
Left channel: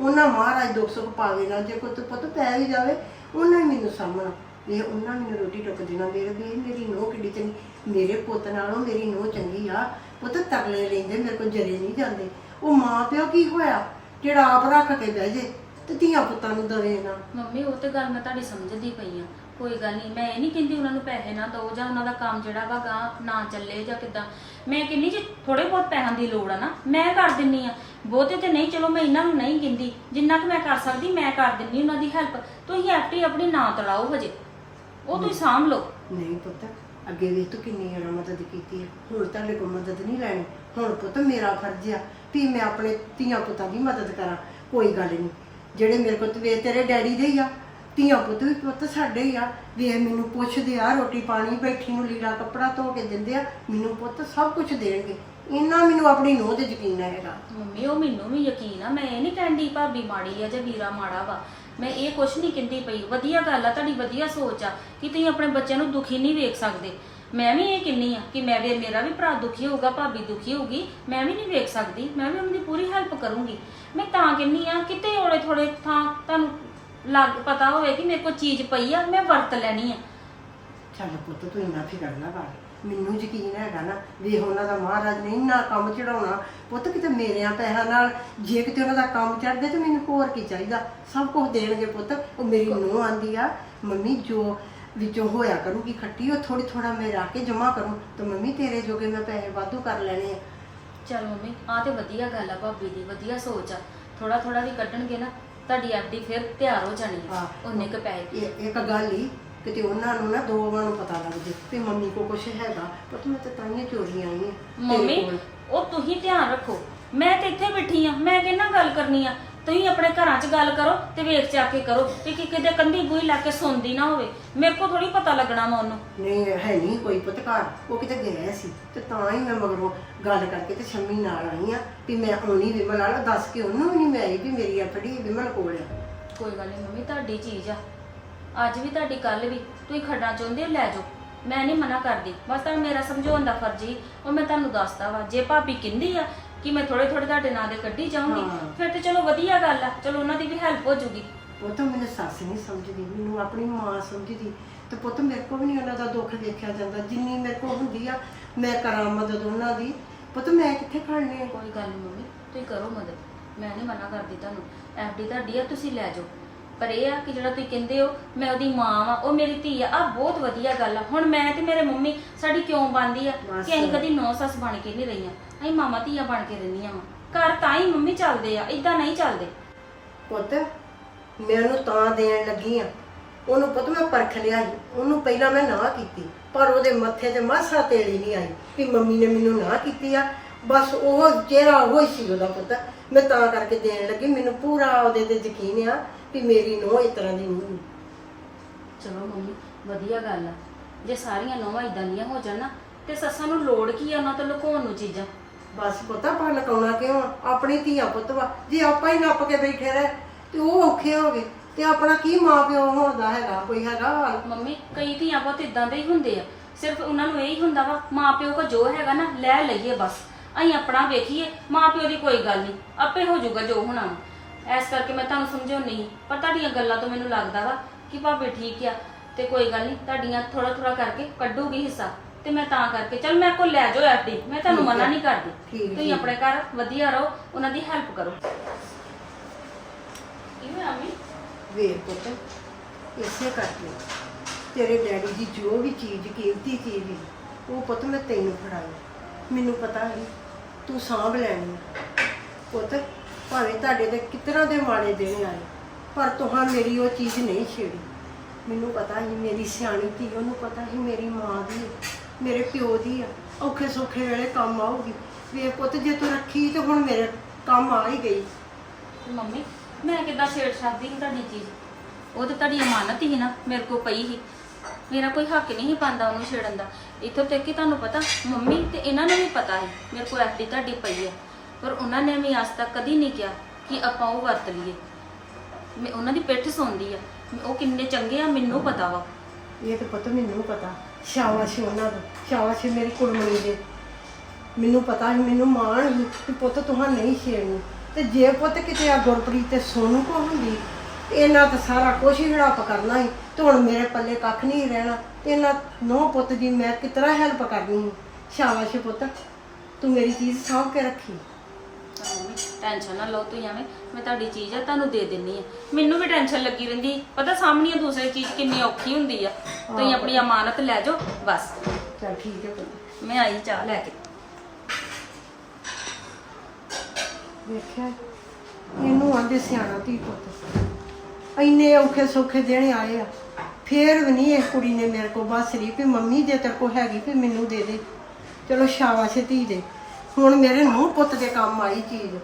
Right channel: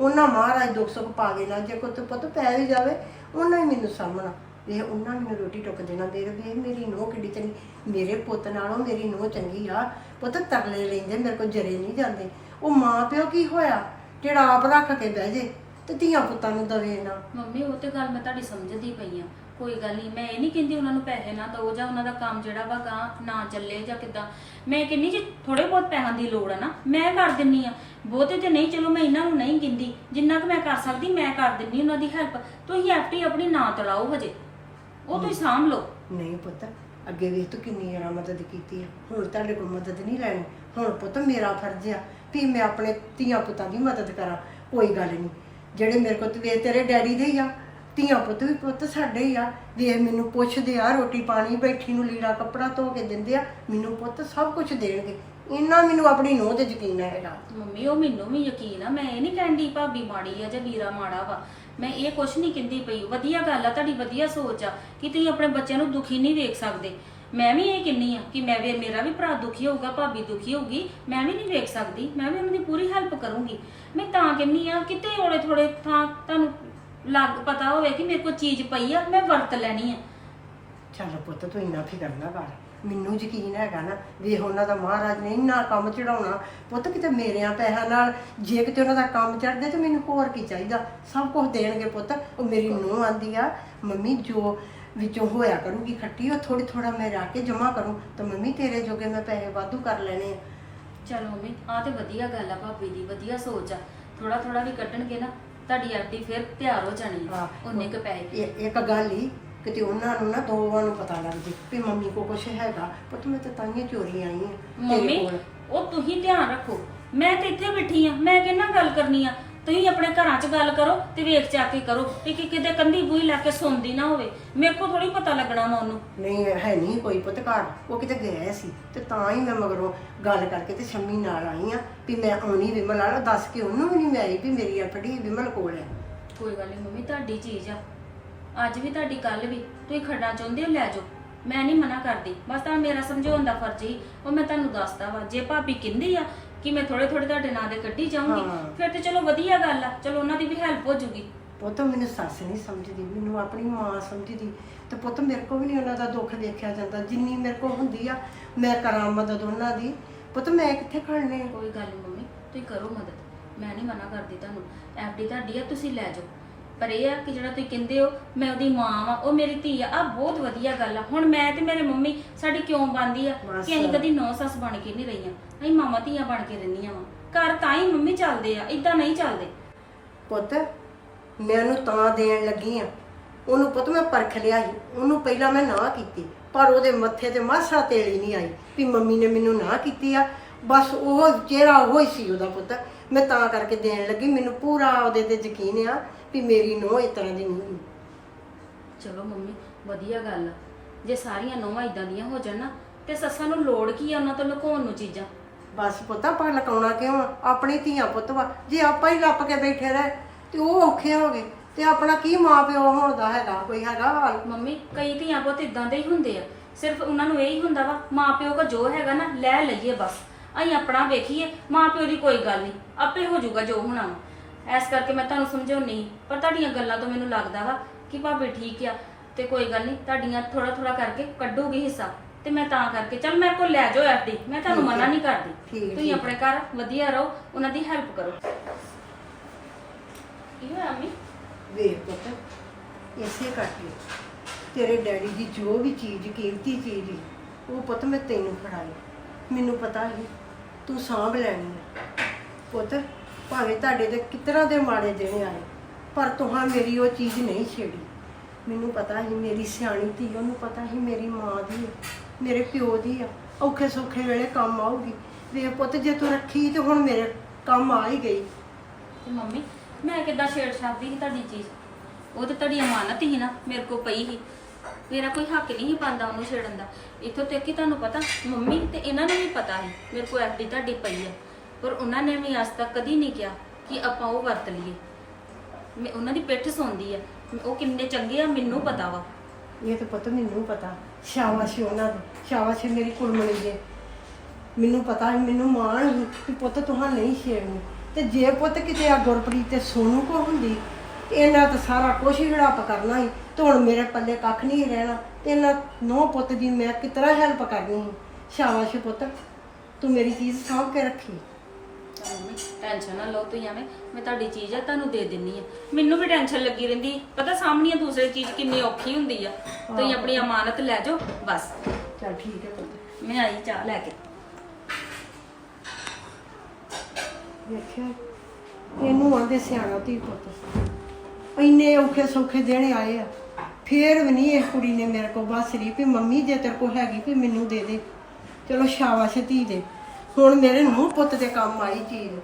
ਉਹਨਾਂ ਮਹਾਰਾਜ ਦੁੱਖ ਸੁੱਖ ਪਾਵੇ ਨਾ, ਜੇ ਕੋਈ ਪੁੱਤ ਪੈ ਵੀ ਜਾਵੇ, ਉਹਨਾਂ ਹੀ ਮੈਨੂੰ ਸਾਹਮਣਾ। ਵੇ ਉਹਨਾਂ ਮੈਨੂੰ ਰੋਟੀ ਟੁੱਕ ਦੇਣਾ, ਮੇਰੇ ਵੇ ਮੇਰੀ ਨੋਹ ਕਿੱਡੀ ਚੰਗੀ, ਮੇਰੇ ਪੁੱਤ ਨਾਲੋਂ ਮੇਰੀ ਨੋਹ ਚੰਗੀ ਆ। ਪੁੱਤ ਤਰਲੇ ਲੈਂਦੇ, ਮੇਰੇ ਕੋਲ ਜਰੇ ਨਹੀਂ ਜਾਂਦੇ। ਉਹ ਮਾਂ ਪਿਓ ਕੀ ਹੋਇਆ? ਜਿਹੜਾ ਆਪ ਰੱਖ ਕੇ ਬਹਿ ਜੇ, ਤੇ ਧੀਆਂ ਪੁੱਤਾਂ ਨੂੰ ਦਵੇ ਨਾ। ਮੰਮੀ, ਉਹ ਤੇ ਗੱਲ ਮੈਂ ਤੁਹਾਡੀ ਸਮਝਦੀ ਪਈ ਆ। ਕੋਈ ਗੱਲ ਨਹੀਂ, ਮੈਂ ਇਹ ਨਹੀਂ ਕਹਿੰਦੀ ਉਹਨਾਂ ਨੂੰ ਪੈਸੇ ਨਾ ਦਿਓ, ਜਾਂ ਉਹਨਾਂ ਦਾ ਕੰਮ ਜਿਹੜਾ ਵਾ ਗਾਂ ਨਾ ਚੱਲੇ ਜਾਂ ਕਿਦਾਂ। ਮੈਂ ਕਹਿੰਦੀ ਜੇ ਥੋੜੇ ਬਹੁਤ ਪੈਸਿਆਂ ਦੀ ਲੋੜ ਆ ਨਾ, ਮੈਂ ਕਰ ਦਿੰਨੀ ਆ। ਬਹੁਤੇ ਤੇ ਨਹੀਂ ਚਲੋ ਮੈਂ ਇਹਨਾਂ ਨੂੰ ਨਹੀਂ ਗਿੰਦੀ ਜਿੰਨਾ ਕੁ ਮੈਂ ਕਰ ਸਕਦੀ ਮੈਂ ਕਰ ਦਿੰਨੀ ਉਹਨਾਂ ਦੀ ਹੈਲਪ ਤੁਸੀਂ ਐਫਟੀ ਆਪਣੀ ਨਾ ਤੜਾਓ ਹਜੇ। ਉਹ ਤੁਸੀਂ ਸਾਂਭ ਲਓ। ਨਹੀਂ ਪੁੱਤ ਅੱਗੇ ਵੀ ਤੂੰ ਕਿੰਨੀ ਜਣਾ ਮਦਦ ਕੀਤੀ ਆ। ਹੁਣ ਤੁਹਾਡੇ ਕੋਲ ਮਦਦ ਨਹੀਂ ਲੈਣੀ। ਹੁਣ ਪੁੱਤ ਮੇਰਾ ਫਰਜ਼ ਆ ਵੀ ਮੈਂ ਆਪਣੇ ਧੀਆਂ ਪੁੱਤਾਂ ਦੀ ਮਦਦ ਕਰਾਂ। ਕੋਈ ਗੱਲ ਨਹੀਂ। ਜਿਹੜੇ ਮੇਰੇ ਕੋਲ ਤੇ ਤੇਰੇ ਡੈਡੀ ਦੇ ਹੀ ਆ ਧੀਆਂ ਪੁੱਤ ਵੀ ਪੁੱਤ ਸਾਡੇ ਹੀ ਆ। ਵੀ ਇਹ ਮੈਨੂੰ ਪੁੱਛਦੇ ਆ ਰੋਟੀ ਪਾਣੀ ਬੈਠੀ ਨੂੰ ਲੀੜਾ ਕੱਪੜਾ ਧੋ ਕੇ ਦਿੰਦੇ ਆ ਮੈਨੂੰ ਪੁੱਤ ਸਭ ਕੁਝ ਦੇਣਗੇ। ਇੰਨਾ ਮੈਨੂੰ ਆਪਣੀ ਨੋਹ ਤੇ ਯਕੀਨ ਹੈਗਾ। ਮੰਮੀ ਉਹ ਮੈਨੂੰ ਵੀ ਯਕੀਨ ਆ। ਮੈਂ ਇਹ ਨਹੀਂ ਕਹਿੰਦੀ ਭਾਬੀ ਮਾੜੀ ਆ ਜਾਂ ਵੀਰਾ ਮਾੜਾ ਵਾ। ਮੈਂ ਇਹ ਕੁਛ ਨਹੀਂ ਕਹਿੰਦੀ ਪਈ। ਵਧੀਆ ਗੱਲ ਆ ਤੁਹਾਡੀ ਵਧੀਆ ਸੋਚ ਆ ਕਿ ਤੁਸੀਂ ਆਪਣੇ ਬੱਚਿਆਂ ਨੂੰ ਦੁਖੀ ਨਹੀਂ ਵੇਖ ਸਕਦੇ। ਮੈਂ ਵੀ ਇਹ ਕਿੰਨੀ ਆ ਕਿ ਮੈਂ ਵੀ ਮੇਰਾ ਵੀ ਭਰਾ ਦੁਖੀ ਹੋਊਗਾ ਭਾਬੀ ਦੁਖੀ ਹੋਊਗੀ। ਮੈਂ ਵੀ ਨਹੀਂ ਵੇਖ ਸਕਦੀ। ਮੈਂ ਵੀ ਉਹਨਾਂ ਦੀ ਪੂਰੀ ਹੈਲਪ ਕਰੂੰਗੀ। ਮੈਂ ਤਾਂ ਕਿੰਨੀ ਆ ਕਿਤੇ ਥੋੜੇ ਥੋੜੇ ਥਾਂ ਤੁਹਾਨੂੰ ਲੱਗ ਪਤਾ ਹੋਵੇ ਕਿ ਮੇਰੇ ਕੋਲ ਚੀਜ਼ ਪਈ ਆ ਮੈਂ ਵਰਤ ਲੈਣੀ ਆ। ਚੱਲ ਪੁੱਤ ਤੂੰ ਇੰਨਾ ਫਿਕਰ ਨਾ ਕਰ। ਮੈਨੂੰ ਯਕੀਨ ਹੈਗਾ ਨਾ ਵੀ ਉਹਨਾਂ ਦਾ ਮਹਾਰਾਜ ਨੇ ਇੰਨਾ ਕੰਮ ਚੜਾਉਣਾ। ਪੁੱਤ ਕਿਤੇ ਮੇਰਿਆਂ ਪੈਸਿਆਂ ਨਾਲ ਜੇ ਕਿਤੇ ਉਹਨਾਂ ਦਾ ਕੰਮ ਚੜਦੇ ਤੇ ਮੈਨੂੰ ਹੋਰ ਕੀ ਚਾਹੀਦਾ? ਸਭ ਕੁਝ ਦੇਣਗੇ ਪੁੱਤ। ਉਹ ਮੇਰੀ ਨੂੰਹ ਆਂਦੀ ਆ ਮੰਮੀ ਜੋ ਵਿੱਚੋਂ ਹੋਇਆ ਕਰੂਗੀ ਖੱਟੀ ਉਹ ਥੋੜੀ ਥੋੜਾ ਮੈਂ ਰੱਖ ਕੇ ਜਮਾ ਕਰੂੰ। ਤਾਂ ਮੰਮੀ ਤੇਰੇ ਜੋਗੇ ਮੈਂ ਪੈਸੇ ਵਾਧੂ ਕਰ ਲੈਣੇ ਆ। ਚਲ ਮੰਮੀ ਆ ਤੇ ਵਧੀਆ ਗੱਲ ਆ ਭਾਬੀ ਦੀ ਵਧੀਆ ਸੋਚ ਆ। ਥੋੜਾ ਥੋੜਾ ਵੀ ਕੱਢਣਗੇ ਨਾ ਤੁਹਾਡੀ ਐਫਡੀ ਫਿਰ ਤਿਆਰ ਹੋ ਜਾਣੀ ਆ। ਉਹਨੇ ਕ ਪੈਸੇ ਇੱਕ ਗੱਲ ਹੀ ਕਿਤੇ ਉਹਨਾਂ ਨੂੰ ਨਾ ਦੋਵਾਂ ਨੂੰ ਪਤਾ ਲੱਗ ਜੇ ਵੀ ਮੰਮੀ ਕੋ ਕੁਛ ਹੈਗਾ ਪੁੱਤ ਮੈਂ ਤਾਂ ਤਾਂਹੀਓ ਚੋਰੀ ਆਈ ਆ ਮੰਮੀ ਉਹ ਤੁਸੀਂ ਧਿਆਨ ਰੱਖੋ। ਮੈਂ ਤੇ ਇੱਥੇ ਬੈਠੀ ਆ ਮੈਂ ਕਿੰਨਾ ਗੱਲ ਕਰਨੀ ਆ? ਤੁਸੀਂ ਆਪਣੇ ਘਰਾਂ 'ਚ ਗੱਲ ਕਰੋ ਤੇ ਵੇਖ ਜਾ ਕੇ ਕਰੋ ਤੇ ਕਿ ਕਿਤੇ ਕੰਦੀ ਬੂਈ ਲਾ ਕੇ ਸੁਣਦੀ ਨਾ ਹੋਵੇ। ਮੇਰੇ ਕੋ ਥੋੜੀ ਪਤਾ ਲੱਗਣਾ ਵਾ ਉਹਨੂੰ। ਨਹੀਂ ਹੈ ਨਹੀਂ ਕੋਈ ਪੁੱਤ ਘਰ ਉਹ ਕਿਤੇ ਗਿਆ ਸੀ ਤੇ ਤਾਂ ਹੀ ਮੈਂ ਮਗਰੋਂ ਗੱਲ ਕਰਕੇ ਤੇ ਸ਼ੰਮੀ ਨਾਲ ਆਈ ਆ ਵੀ ਮੈਂ ਆਉਣੀ ਵਿਮਲ ਵਾਲਾ ਦੱਸ ਕੇ ਉਹਨੂੰ ਵੀ ਨਹੀਂ ਮੈਂ ਆਈ ਵੀ ਮੇਰੀ ਅਫੜੀ ਵਿਮਲ ਕੋਲ ਹੈ। ਕੋਈ ਗੱਲ ਨਹੀਂ ਮੰਮੀ ਤੁਹਾਡੀ ਚੀਜ਼ ਆ। ਅੱਜ ਵੀ ਤੁਹਾਡੀ ਕੱਲ ਵੀ ਤੁਸੀਂ ਖੱਡਾ ਚਾਹੁੰਦੇ ਹੋ ਲੈ ਜਾਓ। ਮੈਂ ਨਹੀਂ ਮਨਾ ਕਰਦੀ। ਬਸ ਤਾਂ ਮੇਰਾ ਸਮਝਾਉਣ ਦਾ ਫਰਜ਼ ਹੀ ਉਹ ਮੈਂ ਤੁਹਾਨੂੰ ਦੱਸਦਾ ਵਾ। ਜੇ ਭਾਬੀ ਕਹਿੰਦੀ ਆ ਕਿ ਮੈਂ ਥੋੜੇ ਥੋੜੇ ਤੁਹਾਡੇ ਨਾਂ ਦੇ ਕੱਢੀ ਜਾਊਂਗੀ ਹਾਂ। ਫਿਰ ਤੇ ਚਲੋ ਵਧੀਆ ਗੱਲ ਆ। ਚਲੋ ਉਹਨਾਂ ਦੀ ਵੀ ਹੈਲਪ ਹੋ ਜੂਗੀ। ਪੁੱਤ ਮੈਨੂੰ ਸੱਸ ਨਹੀਂ ਸਮਝਦੀ ਮੈਨੂੰ ਆਪਣੀ ਮਾਂ ਸਮਝਦੀ। ਤੇ ਪੁੱਤ ਮੇਰੇ ਕੋ ਵੀ ਨਹੀਂ ਉਹਨਾਂ ਦਾ ਦੁੱਖ ਵੇਖਿਆ ਜਾਂਦਾ। ਜਿੰਨੀ ਮੇਰੇ ਕੋ ਹੁੰਦੀ ਆ ਮੈਂ ਕਰਾਂ ਮਦਦ ਉਹਨਾਂ ਦੀ। ਪੁੱਤ ਮੈਂ ਕਿੱਥੇ ਖੜਨੇ ਆ? ਕੋਈ ਗੱਲ ਨਹੀਂ ਮੰਮੀ ਤੁਸੀਂ ਕਰੋ ਮਦਦ। ਮੈਂ ਨਹੀਂ ਮਨਾ ਕਰਦੀ ਤੁਹਾਨੂੰ। ਐਫਡੀ ਤੁਹਾਡੀ ਆ ਤੁਸੀਂ ਲੈ ਜਾਓ। ਪਰ ਇਹ ਆ ਕਿ ਜਿਹੜਾ ਤੁਸੀਂ ਕਹਿੰਦੇ ਹੋ ਮੈਂ ਉਹਦੀ ਮਾਂ ਵਾਂ ਉਹ ਮੇਰੀ ਧੀ ਆ। ਆ ਬਹੁਤ ਵਧੀਆ ਗੱਲ ਆ। ਹੁਣ ਮੈਂ ਤੇ ਮੇਰੇ ਮੰਮੀ ਸਾਡੀ ਕਿਉਂ ਬਣਦੀ ਆ? ਬਸ। ਕਿ ਅਸੀਂ ਕਦੀ ਨੌ ਸੱਸ ਬਣ ਕੇ ਨਹੀਂ ਰਹੀਆਂ। ਅਸੀਂ ਮਾਮਾ ਧੀਆਂ ਬਣ ਕੇ ਰਹਿੰਦੀਆਂ ਵਾਂ। ਘਰ ਤਾਂ ਹੀ ਮੰਮੀ ਚੱਲਦੇ ਆ ਇਦਾਂ ਨਹੀਂ ਚੱਲਦੇ। ਪੁੱਤ ਮੈਂ ਉਹਨੂੰ ਤਾਂ ਦੇਣ ਲੱਗੀ ਆ। ਉਹਨੂੰ ਪੁੱਤ ਮੈਂ ਪਰਖ ਲਿਆ ਸੀ। ਉਹਨੂੰ ਪਹਿਲਾਂ ਮੈਂ ਨਾ ਕੀਤੀ ਪਰ ਉਹਦੇ ਮੱਥੇ ਤੇ ਮਾਸਾ ਤੇਲੀ ਨਹੀਂ ਆਈ ਵੀ ਮੰਮੀ ਨੇ ਮੈਨੂੰ ਨਾ ਕੀਤੀ ਆ। ਬਸ ਉਹ ਚਿਹਰਾ ਉਹ ਹੀ ਸੀ ਉਹਦਾ ਪੁੱਤ। ਮੈਂ ਤਾਂ ਕਰਕੇ ਦੇਣ ਲੱਗੀ। ਮੈਨੂੰ ਪੂਰਾ ਉਹਦੇ ਤੇ ਯਕੀਨ ਆ ਵੀ ਮੇਰੀ ਨੂੰਹ ਇਸ ਤਰ੍ਹਾਂ ਦੀ ਨਹੀਂ ਚਲੋ ਮੰਮੀ ਵਧੀਆ ਗੱਲ ਆ। ਜੇ ਸਾਰੀਆਂ ਨੌਵਾਂ ਇਦਾਂ ਦੀਆਂ ਹੋ ਜਾਣ ਨਾ ਤੇ ਸੱਸਾਂ ਨੂੰ ਲੋੜ ਕੀ ਆ ਉਹਨਾਂ ਤੋਂ ਲੁਕਾਉਣ ਨੂੰ ਚੀਜ਼ਾਂ? ਬਸ ਪੁੱਤ ਆਪਾਂ ਲਕਾਉਣਾ ਕਿਉਂ ਆ? ਆਪਣੀ ਧੀਆਂ ਪੁੱਤ ਵਾ। ਜੇ ਆਪਾਂ ਹੀ ਲੱਪ ਕੇ ਬੈਠੇ ਰਹੇ ਤੇ ਉਹ ਔਖੇ ਹੋ ਗਏ। ਤੇ ਆਪਣਾ ਕੀ ਮਾਂ ਪਿਓ ਹੋਣ ਦਾ ਹੈਗਾ ਕੋਈ ਹੈਗਾ ਹਾਲ? ਮੰਮੀ ਕਈ ਧੀਆਂ ਬਹੁਤ ਇਦਾਂ ਦੇ ਹੀ ਹੁੰਦੇ ਆ। ਸਿਰਫ ਉਹਨਾਂ ਨੂੰ ਇਹੀ ਹੁੰਦਾ ਵਾ ਮਾਂ ਪਿਓ ਕੋ ਜੋ ਹੈਗਾ ਨਾ ਲੈ ਲਈਏ ਬਸ। ਅਸੀਂ ਆਪਣਾ ਵੇਖੀਏ ਮਾਂ ਪਿਓ ਦੀ ਕੋਈ ਗੱਲ ਨਹੀਂ ਆਪੇ ਹੋ ਜਾਊਗਾ ਜੋ ਹੋਣਾ ਵਾ। ਇਸ ਕਰਕੇ ਮੈਂ ਤੁਹਾਨੂੰ ਸਮਝਾਉਣੀ ਪਰ ਤੁਹਾਡੀਆਂ ਗੱਲਾਂ ਤੋਂ ਮੈਨੂੰ ਲੱਗਦਾ ਵਾ ਕਿ ਭਾਬੀ ਠੀਕ ਆ ਤੇ ਕੋਈ ਗੱਲ ਨਹੀਂ ਤੁਹਾਡੀਆਂ ਥੋੜਾ ਥੋੜਾ ਕਰਕੇ ਕੱਢੂਗੀ ਹਿੱਸਾ ਤੇ ਮੈਂ ਤਾਂ ਕਰਕੇ ਚੱਲ ਮੈਂ ਕੋ ਲੈ ਜਾਓ ਐਫਡੀ ਮੈਂ ਤੁਹਾਨੂੰ ਠੀਕ ਆ। ਮਨਾ ਨਹੀਂ ਕਰਦੀ। ਠੀਕ, ਤੁਸੀਂ ਠੀਕ। ਆਪਣੇ ਘਰ ਵਧੀਆ ਰਹੋ ਉਹਨਾਂ ਦੀ ਹੈਲਪ ਕਰੋ। ਕੀ ਹੋਇਆ ਮੰਮੀ? ਵੇਖ ਪੁੱਤ ਇਸੇ ਕਰਕੇ ਤੇਰੇ ਡੈਡੀ ਦੀ ਜੋ ਵੀ ਚੀਜ਼ ਕੀਮਤੀ ਚੀਜ਼ ਸੀ ਉਹ ਪੁੱਤ ਮੈਂ ਤੈਨੂੰ ਫੜਾਈ। ਮੈਨੂੰ ਪਤਾ ਸੀ ਤੂੰ ਸਾਂਭ ਲੈਣੀ ਆ। ਪੁੱਤ ਭਾਵੇਂ ਤੁਹਾਡੇ ਤੇ ਕਿਤਨਾ ਦੇ ਮਾੜੇ ਦਿਨ ਆਏ ਪਰ ਤੁਹਾਂ ਮੇਰੀ ਉਹ ਚੀਜ਼ ਨਹੀਂ ਛੇੜੀ। ਮੈਨੂੰ ਪਤਾ ਸੀ ਮੇਰੀ ਸਿਆਣੀ ਧੀ ਉਹਨੂੰ ਪਤਾ ਸੀ ਮੇਰੀ ਮਾਂ ਦੀ ਹੈ, ਮੇਰੇ ਪਿਓ ਦੀ ਆ। ਔਖੇ ਸੌਖੇ ਵੇਲੇ ਕੰਮ ਆਊਗੀ। ਵੇ ਪੁੱਤ ਜੇ ਤੂੰ ਰੱਖੀ ਤੇ ਹੁਣ ਮੇਰੇ ਕੰਮ ਆ ਹੀ ਗਈ। ਮੰਮੀ ਮੈਂ ਕਿੱਦਾਂ ਛੇੜ ਸਕਦੀ ਸੀ ਤੁਹਾਡੀ ਚੀਜ਼? ਉਹ ਤਾਂ ਤੁਹਾਡੀ ਅਮਾਨਤ ਹੀ ਨਾ ਮੇਰੇ ਕੋਲ ਪਈ ਸੀ। ਮੇਰਾ ਕੋਈ ਹੱਕ ਨਹੀਂ ਸੀ ਪਾਉਂਦਾ ਉਹਨੂੰ ਛੇੜਨ ਦਾ। ਇੱਥੋਂ ਤੱਕ ਕਿ ਤੁਹਾਨੂੰ ਪਤਾ ਮੰਮੀ ਤੇ ਇਹਨਾਂ ਨੂੰ ਵੀ ਪਤਾ ਹੈ ਮੇਰੇ ਕੋਲ ਐਡੀ ਤੁਹਾਡੀ ਪਈ ਹੈ ਪਰ ਉਹਨਾਂ ਨੇ ਵੀ ਅੱਜ ਤੱਕ ਕਦੀ ਨਹੀਂ ਕਿਹਾ ਕਿ ਆਪਾਂ ਉਹ ਵਰਤ ਲਈਏ। ਮੈਂ ਉਹਨਾਂ ਦੀ ਪਿੱਠ ਸੌਂਦੀ ਆ। ਉਹ ਕਿੰਨੇ ਚੰਗੇ ਆ, ਮੈਨੂੰ ਪਤਾ ਵਾ। ਇਹ ਤਾਂ ਪੁੱਤ ਮੈਨੂੰ ਪਤਾ। ਸ਼ਾਬਾਸ਼ ਉਹਨਾਂ ਨੂੰ ਸ਼ਾਬਾਸ਼ ਮੇਰੀ ਕੁੜਮਣੀ ਦੇ। ਮੈਨੂੰ ਪਤਾ ਸੀ, ਮੈਨੂੰ ਮਾਣ ਸੀ ਕਿ ਪੁੱਤ ਤੁਹਾਂ ਨਹੀਂ ਛੇੜਨੀ। ਤੇ ਜੇ ਪੁੱਤ ਕਿਤੇ ਆ ਗੁਰਪ੍ਰੀਤ ਤੇ ਸੋਨੂ ਕੋ ਹੁੰਦੀ ਇਹਨਾਂ ਤਾਂ ਸਾਰਾ ਕੁਝ ਹੀ ਹੜੱਪ ਕਰਨਾ ਸੀ, ਤੇ ਹੁਣ ਮੇਰੇ ਪੱਲੇ ਕੱਖ ਨਹੀਂ ਰਹਿਣਾ। ਤੇ ਇਹਨਾਂ ਨੌ ਪੁੱਤ ਦੀ ਮੈਂ ਕਿਤਨਾ ਹੈਲਪ ਕਰਨੀ ਸੀ। ਸ਼ਾਬਾਸ਼ ਪੁੱਤ, ਤੂੰ ਮੇਰੀ ਚੀਜ਼ ਸਾਂਭ ਕੇ ਰੱਖੀ। ਟੈਨਸ਼ਨ ਨਾ ਲਓ ਤੁਸੀਂ ਐਵੇਂ। ਮੈਂ ਤੁਹਾਡੀ ਚੀਜ਼ ਆ ਤੁਹਾਨੂੰ ਦੇ ਦਿੰਨੀ ਆ। ਮੈਨੂੰ ਵੀ ਟੈਨਸ਼ਨ ਲੱਗੀ ਰਹਿੰਦੀ। ਪਤਾ ਸਾਹਮਣੇ ਦੂਸਰੇ ਚੀਜ਼ ਕਿੰਨੀ ਔਖੀ ਹੁੰਦੀ ਆ। ਤੁਸੀਂ ਆਪਣੀ ਅਮਾਨਤ ਲੈ ਜਾਓ ਬਸ। ਚਲ ਠੀਕ ਹੈ ਪੁੱਤ। ਮੈਂ ਆਈ ਚਾਹ ਲੈ ਕੇ। ਵੇਖਿਆ? ਇਹਨੂੰ ਆਂਦੇ ਸਿਆਣਾ ਧੀ ਪੁੱਤ। ਇੰਨੇ ਔਖੇ ਸੌਖੇ ਦੇਣੇ ਆਏ ਆ। ਫੇਰ ਵੀ ਨਹੀਂ ਇਹ ਕੁੜੀ ਨੇ ਮੇਰੇ ਕੋਲ ਬਸ ਰਹੀ ਵੀ ਮੰਮੀ ਜੇ ਤੇਰੇ ਕੋਲ ਹੈਗੀ ਵੀ ਮੈਨੂੰ ਦੇ ਦੇ। ਚਲੋ ਸ਼ਾਬਾਸ਼ ਧੀ ਦੇ। ਹੁਣ ਮੇਰੇ ਨੂੰ ਪੁੱਤ ਦੇ ਕੰਮ ਆਈ ਚੀਜ਼।